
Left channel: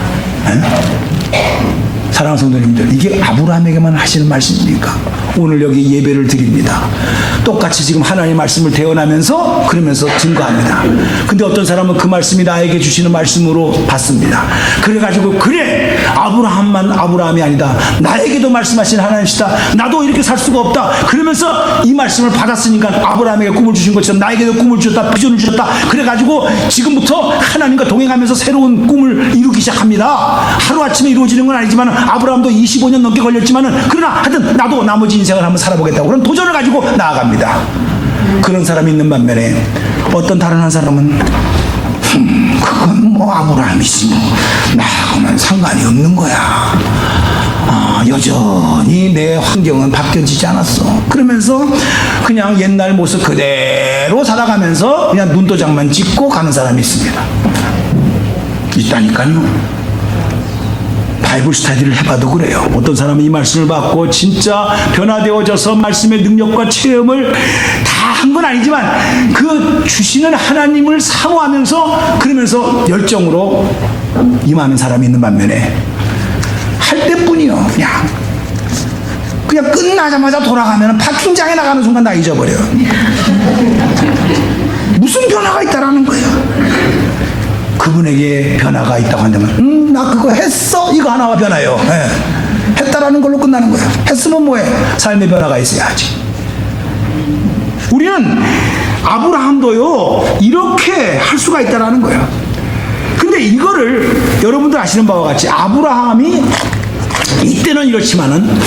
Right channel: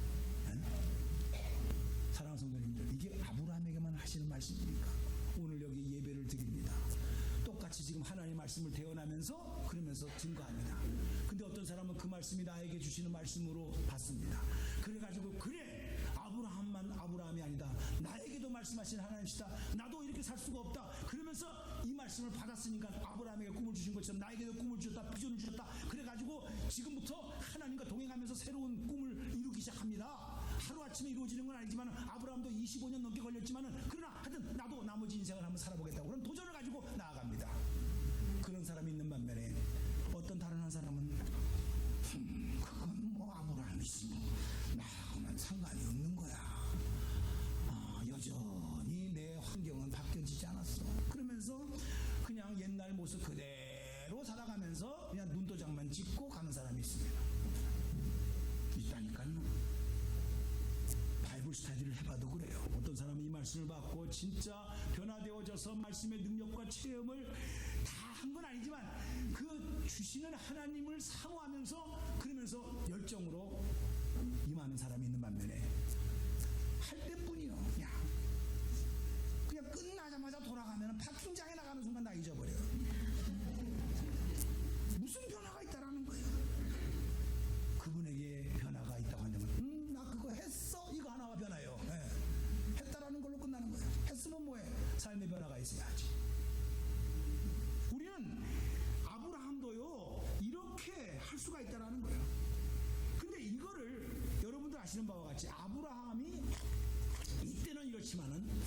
사랑하는 성도님들, 이게 아브라함에게만 하시는 말씀입니까? 오늘 여기 예배를 드립니다. 똑같이 지금 하나님의 말씀을 대언하면서 그러면서 증거합니다. 근데 어떤 사람은 그 말씀이 나에게 주시는 말씀으로 받습니다. 그래가지고 그래, 아브라함만 아브라함이 아니다, 나에게도 말씀하신 하나님이시다, 나도 이렇게 살 수가 없다, 그러면서 이 말씀을 받았으니까 아브라함에게 꿈을 주신 것처럼 나에게도 꿈을 주셨다, 비전을 주셨다, 그래가지고 지금부터 하나님과 동행하면서 새로운 꿈을 이루기 시작합니다. 하루아침에 이루어지는 건 아니지만 아브라함도 25년 넘게 걸렸지만은, 그러나 하여튼 나도 나머지 인생을 한번 살아보겠다고 그런 도전을 가지고 나아갑니다. 그런 사람이 있는 반면에 어떤 다른 한 사람은 그건 뭐 아브라함이지 뭐 나하고는 상관이 없는 거야. 여전히 내 환경은 바뀌어지지 않았어. 그러면서 그냥 옛날 모습 그대로 살아가면서 그냥 눈도장만 찍고 가는 사람이 있습니다. 있다니까요. 바이블 스터디를 해봐도 그래요. 어떤 사람은 이 말씀을 받고 진짜 변화되어져서 말씀의 능력과 체험을 다 한 건 아니지만 그 주시는 하나님을 사모하면서 그러면서 열정으로 임하는 사람이 있는 반면에 할 때뿐이요. 그냥 끝나자마자 돌아가면 파킹장에 나가는 순간 나 잊어버려요. 무슨 변화가 있다라는 거예요. 그분에게 변화가 있다고 한다면 나 그거 했어? 이거 하나가 변화예요. 했다라는 걸로 끝나는 거예요. 했으면 뭐해? 삶의 변화가 있어야지. 우리는 아브라함도요 이렇게 할 수가 있다라는 거예요. 근데 이거를 여러분들 아시는 바와 같이 아브라함이 이때는 이렇지만은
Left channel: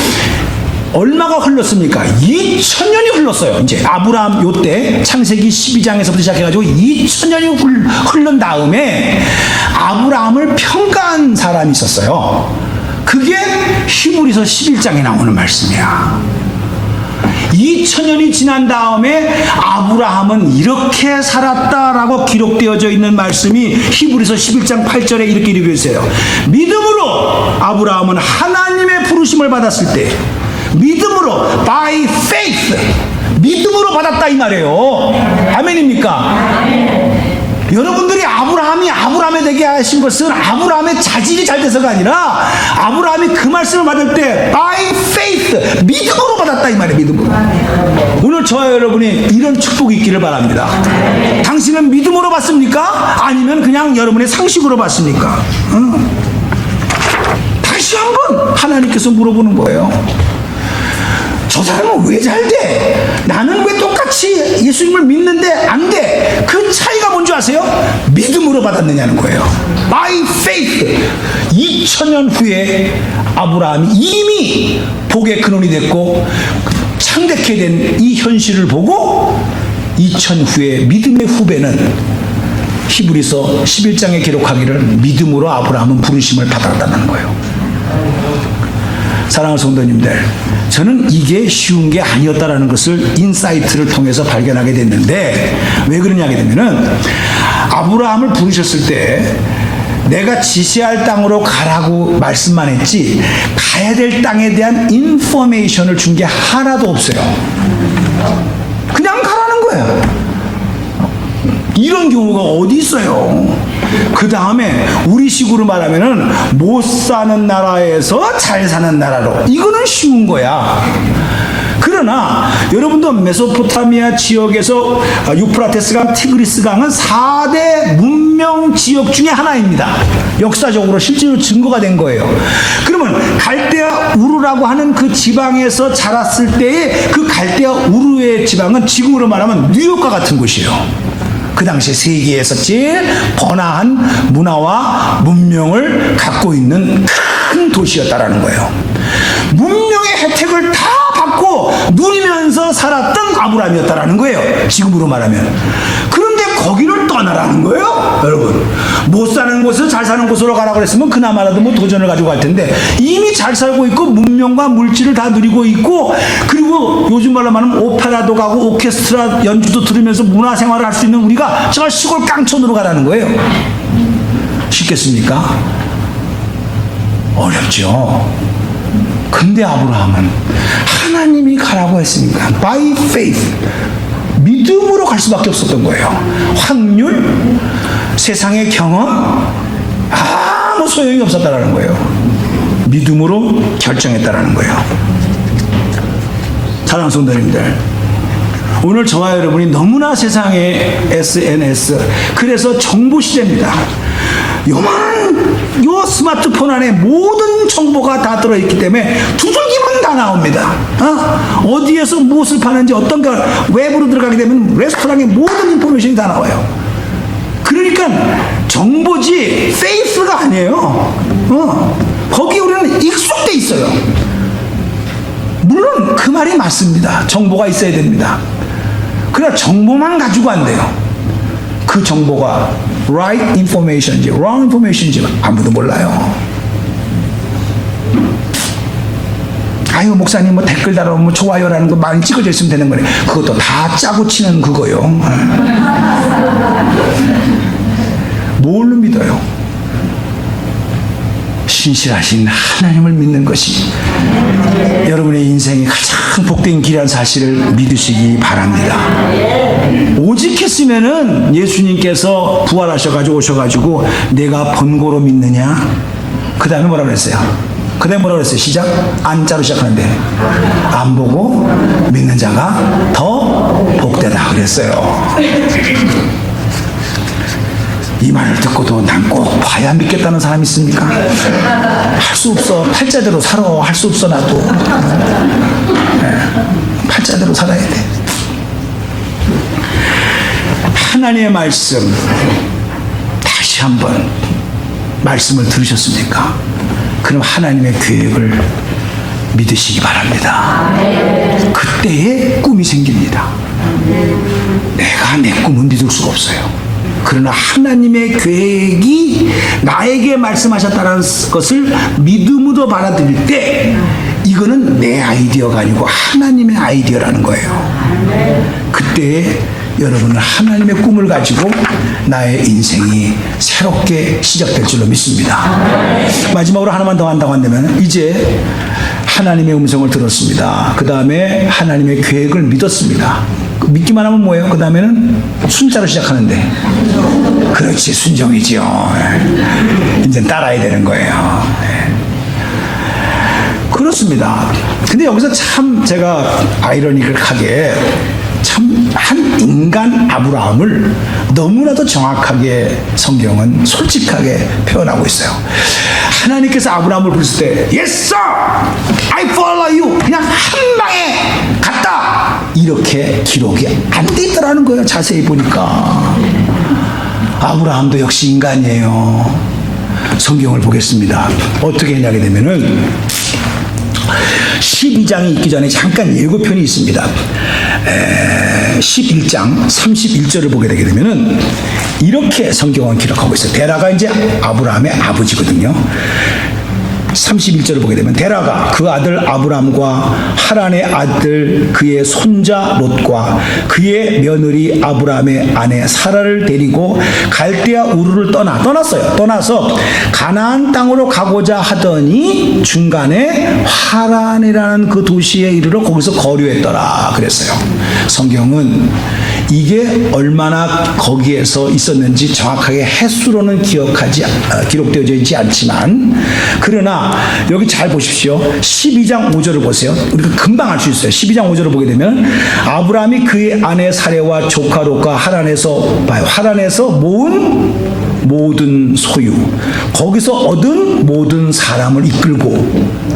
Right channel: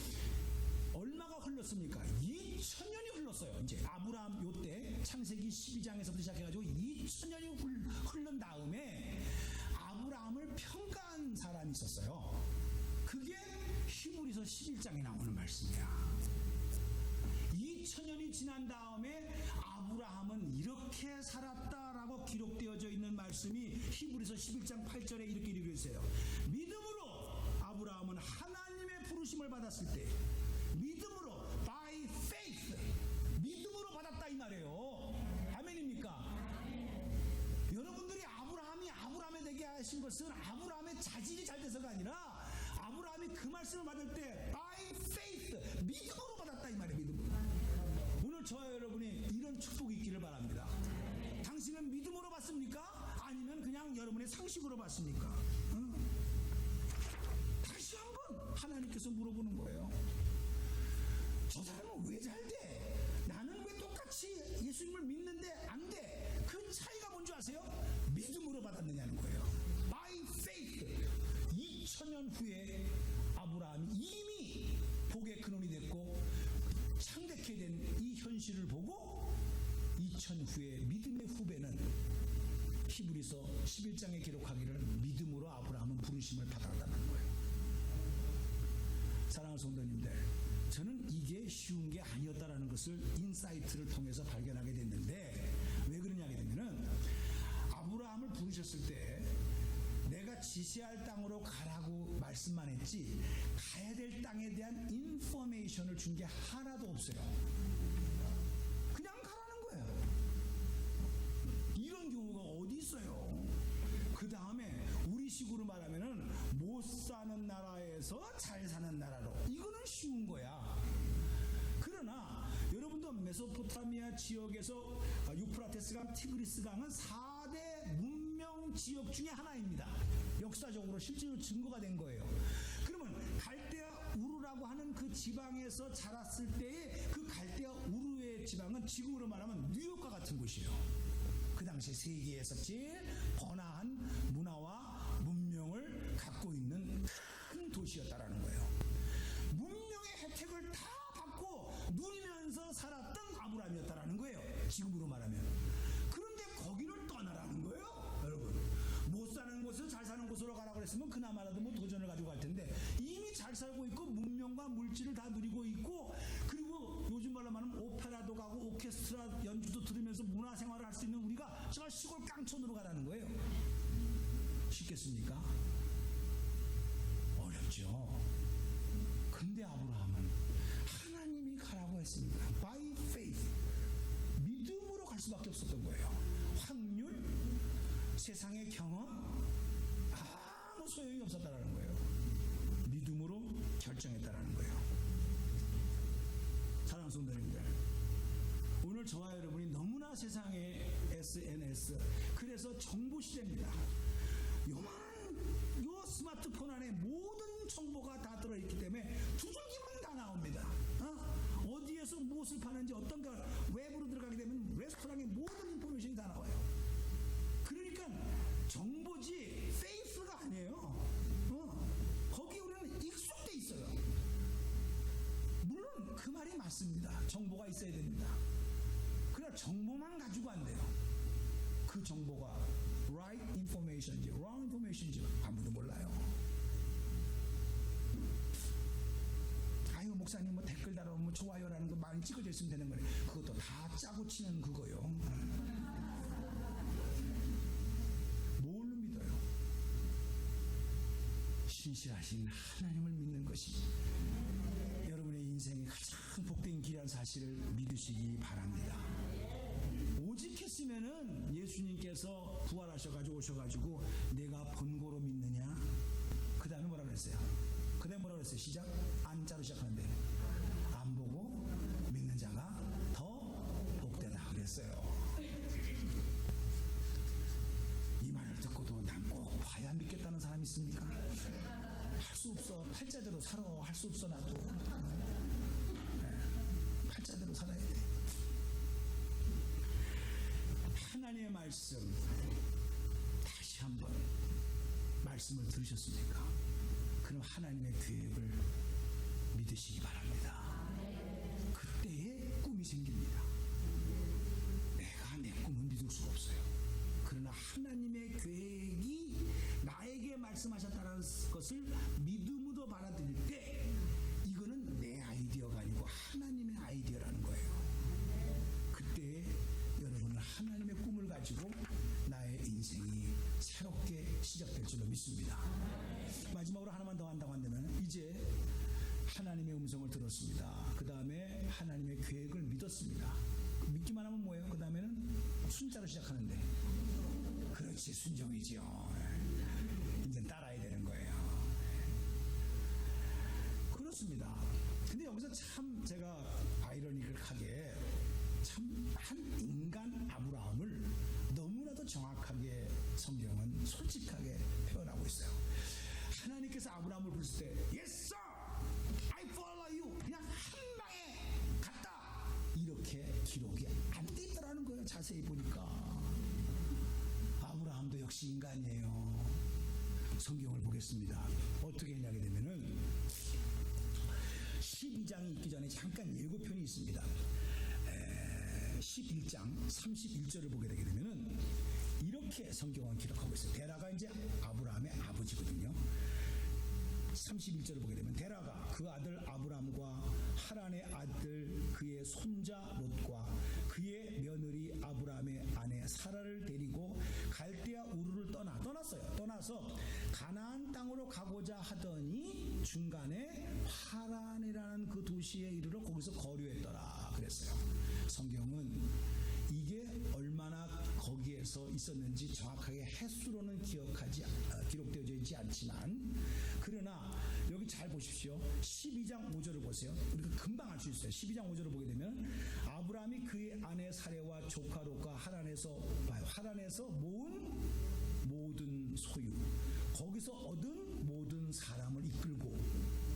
얼마가 흘렀습니까? 2000년이 흘렀어요. 이제 아브라함 요때 창세기 12장에서부터 시작해가지고 2000년이 흐른 다음에 아브라함을 평가한 사람이 있었어요. 그게 히브리서 11장에 나오는 말씀이야. 2000년이 지난 다음에 아브라함은 이렇게 살았다라고 기록되어져 있는 말씀이 히브리서 11장 8절에 이렇게 이루어져 있어요. 믿음으로 아브라함은 하나님의 부르심을 받았을 때, 믿음으로 by faith, 믿음으로 받았다 이 말이에요. 아멘입니까? 여러분들이 아브라함이 아브라함에 되게 하신 것은 아브라함의 자질이 잘 돼서가 아니라 아브라함이 그 말씀을 받을 때 by faith, 믿음으로 받았다 이 말이에요. 믿음으로. 오늘 저와 여러분이 이런 축복이 있기를 바랍니다. 당신은 믿음으로 받습니까? 아니면 그냥 여러분의 상식으로 받습니까? 다시 한번 하나님께서 물어보는 거예요. 저 사람은 왜 잘 돼? 나는 왜 똑같이 예수님을 믿는데 안 돼? 그 차이가 뭔지 아세요? 믿음으로 받았느냐는 거예요. By faith. 2000년 후에 아브라함이 이미 복의 근원이 됐고 창대케 된 이 현실을 보고 2000 후에 믿음의 후배는 히브리서 11장에 기록하기를 믿음으로 아브라함은 부르심을 받았다는 거예요. 사랑하는 성도님들, 저는 이게 쉬운 게 아니었다라는 것을 인사이트를 통해서 발견하게 됐는데, 왜 그러냐 하게 되면은 아브라함을 부르셨을 때 내가 지시할 땅으로 가라고 말씀만 했지 가야 될 땅에 대한 인포메이션을 준 게 하나도 없어요. 그냥 가라는 거예요. 이런 경우가 어디 있어요? 그 다음에 우리식으로 말하면은 못 사는 나라에서 잘 사는 나라로, 이거는 쉬운 거야. 그러나 여러분도 메소포타미아 지역에서 유프라테스 강, 티그리스 강은 4대 문명 지역 중에 하나입니다. 역사적으로 실제로 증거가 된 거예요. 그러면 갈대아 우르라고 하는 그 지방에서 자랐을 때의 그 갈대아 우르의 지방은 지금으로 말하면 뉴욕과 같은 곳이에요. 그 당시에 세계에서 제일 번화한 문화와 문명을 갖고 있는 큰 도시였다라는 거예요. 문명의 혜택을 다 받고 누리면서 살았던 아브라함이었다라는 거예요. 지금으로 말하면. 그런데 거기를 떠나라는 거예요. 여러분, 못 사는 곳에서 잘 사는 곳으로 가라고 그랬으면 그나마라도 뭐 도전을 가지고 갈 텐데, 이미 잘 살고 있고 문명과 물질을 다 누리고 있고, 그리고 요즘 말로 말하면 오페라도 가고 오케스트라 연주도 들으면서 문화생활을 할 수 있는 우리가 저 시골 깡촌으로 가라는 거예요. 쉽겠습니까? 어렵죠. 근데 아브라함은 하나님이 가라고 했으니까 by faith, 믿음으로 갈 수밖에 없었던 거예요. 확률, 세상의 경험, 아무 소용이 없었다라는 거예요. 믿음으로 결정했다라는 거예요. 사랑하는 성도님들, 오늘 저와 여러분이 너무나 세상에 SNS, 그래서 정보 시대입니다. 요 스마트폰 안에 모든 정보가 다 들어있기 때문에 두들기면 다 나옵니다. 어디에서 무엇을 파는지, 어떤 걸 외부로 들어가게 되면 레스토랑의 모든 인포메이션이 다 나와요. 그러니까 정보지 페이스가 아니에요. 거기에 우리는 익숙돼 있어요. 물론 그 말이 맞습니다. 정보가 있어야 됩니다. 그러나 정보만 가지고 안 돼요. 그 정보가 right information인지 wrong information인지 아무도 몰라요. 아유, 목사님 뭐 댓글 달아오면 뭐 좋아요라는 거 많이 찍어져 있으면 되는 거네. 그것도 다 짜고 치는 그거요. 뭘로 믿어요? 신실하신 하나님을 믿는 것이 여러분의 인생이 가장 복된 길이라는 사실을 믿으시기 바랍니다. 오직했으면은 예수님께서 부활하셔가지고 오셔가지고 내가 번거로 믿느냐? 그 다음에 뭐라 그랬어요? 그 다음에 뭐라 그랬어요? 시작? 안자로 시작하는데 안 보고 믿는 자가 더 복되다 그랬어요. 이 말을 듣고도 난 꼭 봐야 믿겠다는 사람이 있습니까? 할 수 없어. 팔자대로 살아. 할 수 없어 나도. 팔자대로 살아야 돼. 하나님의 말씀, 다시 한번 말씀을 들으셨습니까? 그럼 하나님의 계획을 믿으시기 바랍니다. 그때의 꿈이 생깁니다. 내가 내 꿈을 믿을 수가 없어요. 그러나 하나님의 계획이 나에게 말씀하셨다는 것을 믿음으로 받아들일 때 이거는 내 아이디어가 아니고 하나님의 아이디어라는 거예요. 그때 여러분은 하나님의 꿈을 가지고 나의 인생이 새롭게 시작될 줄로 믿습니다. 마지막으로 하나만 더 한다고 한다면 이제 하나님의 음성을 들었습니다. 그 다음에 하나님의 계획을 믿었습니다. 믿기만 하면 뭐예요? 그 다음에는 순자로 시작하는데 그렇지, 순종이죠. 이제 따라야 되는 거예요. 그렇습니다. 근데 여기서 참 제가 아이러니컬하게 참 한 인간 아브라함을 너무나도 정확하게 성경은 솔직하게 표현하고 있어요. 하나님께서 아브라함을 부르실 때 Yes sir, I follow you, 그냥 한 방에 갔다, 이렇게 기록이 안 돼 있더라는 거예요. 자세히 보니까. 아브라함도 역시 인간이에요. 성경을 보겠습니다. 어떻게 했냐게 되면은 12장이 있기 전에 잠깐 예고편이 있습니다. 11장 31절을 보게 되게 되면은 이렇게 성경은 기록하고 있어요. 데라가 이제 아브라함의 아버지거든요. 31절을 보게 되면 데라가 그 아들 아브람과 하란의 아들 그의 손자 롯과 그의 며느리 아브람의 아내 사라를 데리고 갈대아 우르를 떠났어요. 떠나서 가나안 땅으로 가고자 하더니 중간에 하란이라는 그 도시에 이르러 거기서 거류했더라 그랬어요. 성경은 이게 얼마나 거기에서 있었는지 정확하게 횟수로는 기록되어져 있지 않지만, 그러나 여기 잘 보십시오. 12장 5절을 보세요. 우리가 금방 알 수 있어요. 12장 5절을 보게 되면 아브라함이 그의 아내 사레와 조카 롯과 하란에서 모은 모든 소유, 거기서 얻은 모든 사람을 이끌고,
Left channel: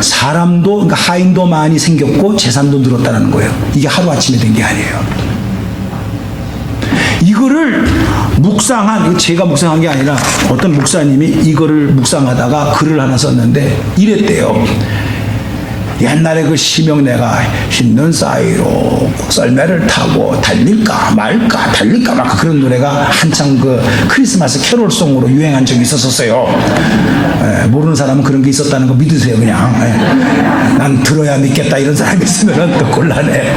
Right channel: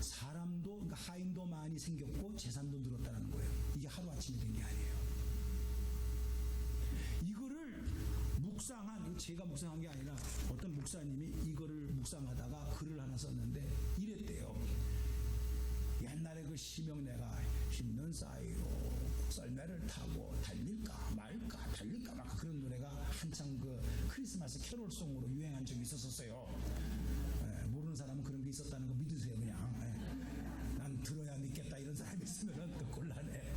사람도, 그러니까 하인도 많이 생겼고 재산도 늘었다는 거예요. 이게 하루아침에 된 게 아니에요. 이거를 제가 묵상한 게 아니라 어떤 목사님이 이거를 묵상하다가 글을 하나 썼는데 이랬대요. 옛날에 그 심형래가 흰눈 사이로 썰매를 타고 달릴까 말까 그런 노래가 한창 그 크리스마스 캐롤송으로 유행한 적이 있었어요. 모르는 사람은 그런 게 있었다는 거 믿으세요. 그냥 난 들어야 믿겠다 이런 사람이 있으면 또 곤란해.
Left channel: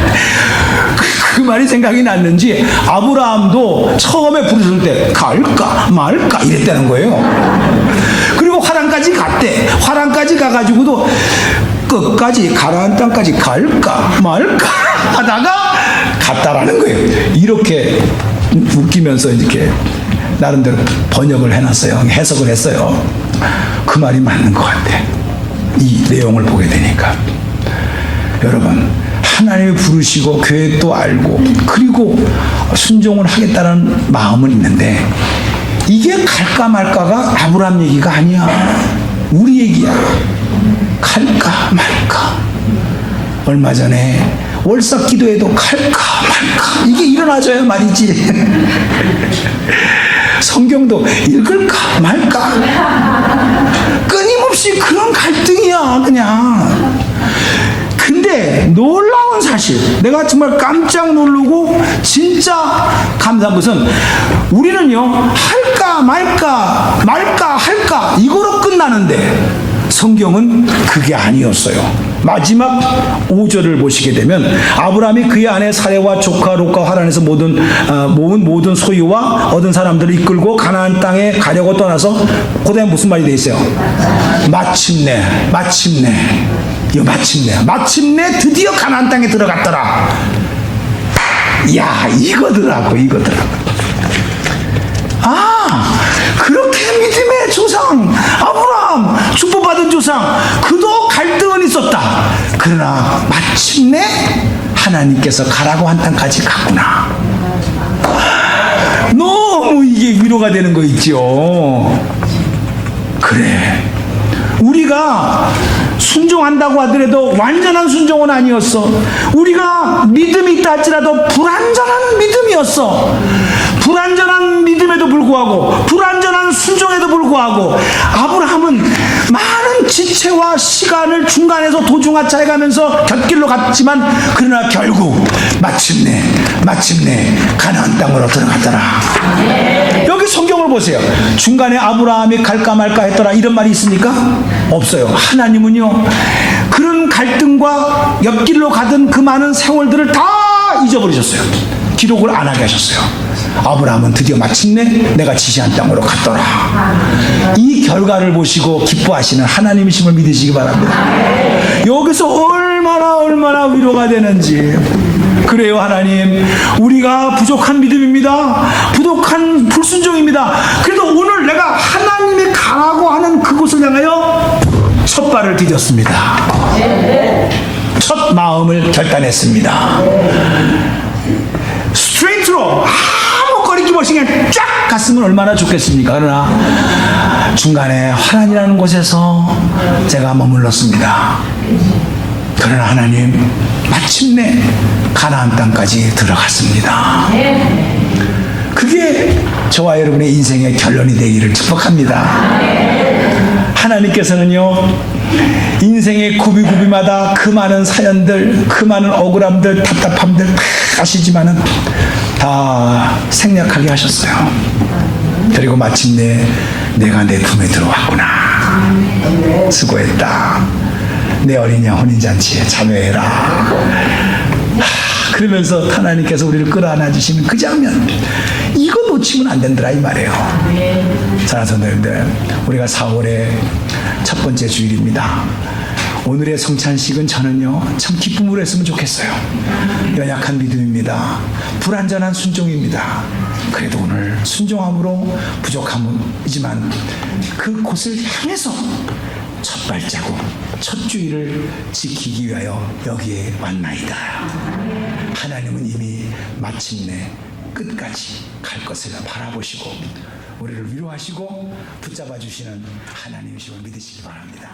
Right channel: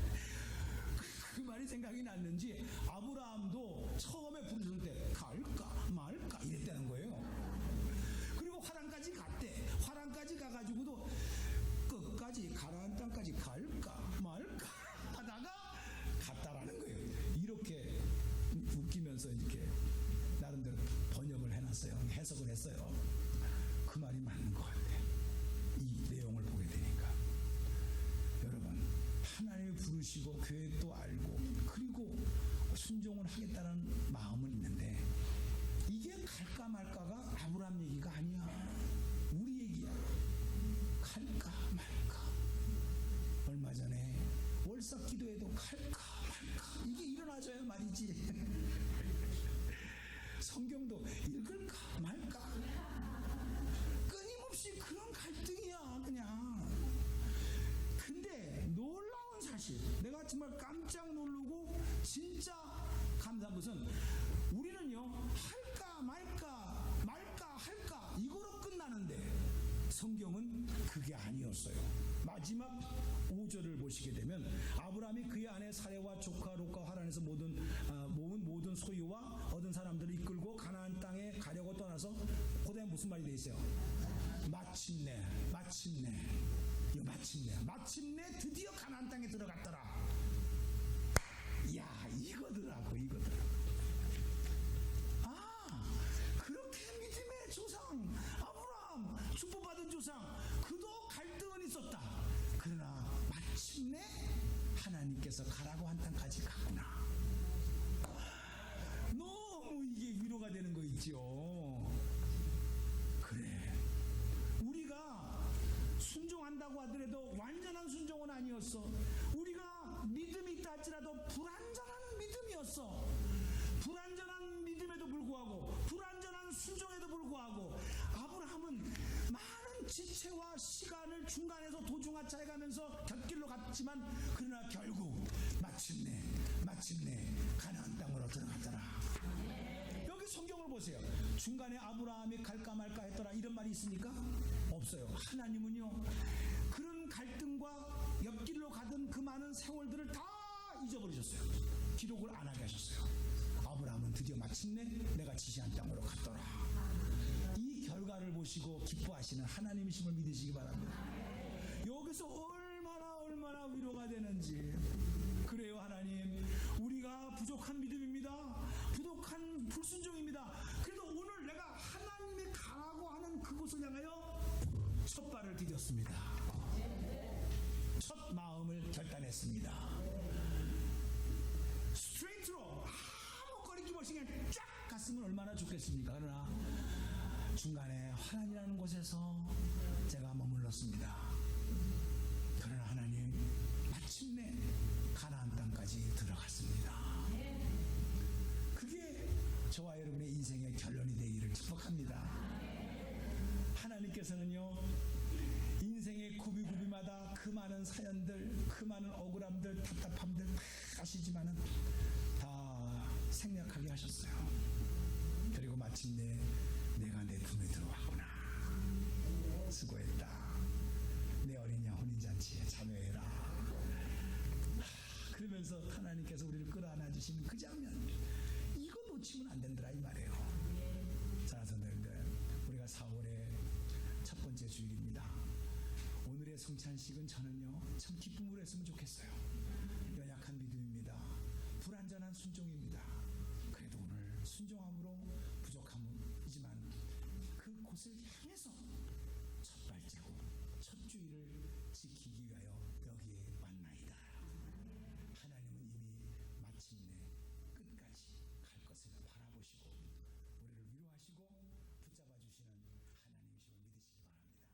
그 말이 생각이 났는지 아브라함도 처음에 부르실 때 갈까 말까 이랬다는 거예요. 그리고 화란까지 갔대. 화란까지 가가지고도 끝까지 가나안 땅까지 갈까 말까 하다가 갔다라는 거예요. 이렇게 웃기면서 이렇게 나름대로 번역을 해놨어요. 해석을 했어요. 그 말이 맞는 것 같아. 이 내용을 보게 되니까. 여러분, 하나님이 부르시고 계획도 알고 그리고 순종을 하겠다는 마음은 있는데 이게 갈까 말까가 아브라함 얘기가 아니야. 우리 얘기야. 갈까 말까. 얼마 전에 월삭 기도에도 갈까 말까 이게 일어나줘야 말이지. 성경도 읽을까 말까 끊임없이 그런 갈등이야 그냥. 근데 놀라운 사실, 내가 정말 깜짝 놀라고 진짜 감사한 것은 우리는요 할까 말까 말까 할까 이거로 끝나는데 성경은 그게 아니었어요. 마지막 5절을 보시게 되면 아브라함이 그의 아내 사레와 조카 롯과 하란에서 모은 모든 소유와 얻은 사람들을 이끌고 가나안 땅에 가려고 떠나서 그다음에 무슨 말이 돼 있어요? 마침내 드디어 가나안 땅에 들어갔더라. 야, 이거더라고. 그렇게 믿음의 조상 아브라함, 축복받은 조상, 그도 갈등은 있었다. 그러나 마침내 하나님께서 가라고 한 땅까지 갔구나. 너무 이게 위로가 되는 거 있죠. 그래, 우리가 순종한다고 하더라도 완전한 순종은 아니었어. 우리가 믿음이 있다 할지라도 불완전한 믿음이었어. 불완전한 믿음에도 불구하고 불완전한 순종에도 불구하고 아브라함은 많은 지체와 시간을 중간에서 도중하차해 가면서 곁길로 갔지만 그러나 결국 마침내 가나안 땅으로 들어갔더라. 여기 성경을 보세요. 중간에 아브라함이 갈까 말까 했더라 이런 말이 있습니까? 없어요. 하나님은요 그런 갈등과 옆길로 가던 그 많은 세월들을 다 잊어버리셨어요. 기록을 안 하게 하셨어요. 아브라함은 드디어 마침내 내가 지시한 땅으로 갔더라. 이 결과를 보시고 기뻐하시는 하나님이심을 믿으시기 바랍니다. 여기서 얼마나 위로가 되는지. 그래요, 하나님, 우리가 부족한 믿음입니다. 부족한 불순종입니다. 그래도 오늘 내가 하나님이 가라고 하는 그곳을 향하여 첫 발을 디뎠습니다. 첫 마음을 결단했습니다. 스트레이트로 아무 거리낌 없이 그냥 쫙 갔으면 얼마나 좋겠습니까? 그러나 중간에 화란이라는 곳에서 제가 머물렀습니다. 그러나 하나님 마침내 가나안 땅까지 들어갔습니다. 그게 저와 여러분의 인생의 결론이 되기를 축복합니다. 하나님께서는요 인생의 구비구비마다 그 많은 사연들, 그 많은 억울함들, 답답함들 다 아시지만은 다 생략하게 하셨어요. 그리고 마침내 내가 내 품에 들어왔구나. 수고했다. 내 어린 양 혼인잔치에 참여해라. 그러면서 하나님께서 우리를 끌어안아 주시는 그 장면, 이거 놓치면 안 된다라 이 말이에요. 사랑하는 성도님들, 우리가 4월의 첫 번째 주일입니다. 오늘의 성찬식은 저는요 참 기쁨으로 했으면 좋겠어요. 연약한 믿음입니다. 불완전한 순종입니다. 그래도 오늘 순종함으로 부족함이지만 그곳을 향해서 첫 발자국, 첫 주일을 지키기 위하여 여기에 왔나이다. 하나님은 이미 마침내 끝까지 갈 것을 바라보시고 우리를 위로하시고 붙잡아 주시는 하나님이심을 믿으시기 바랍니다.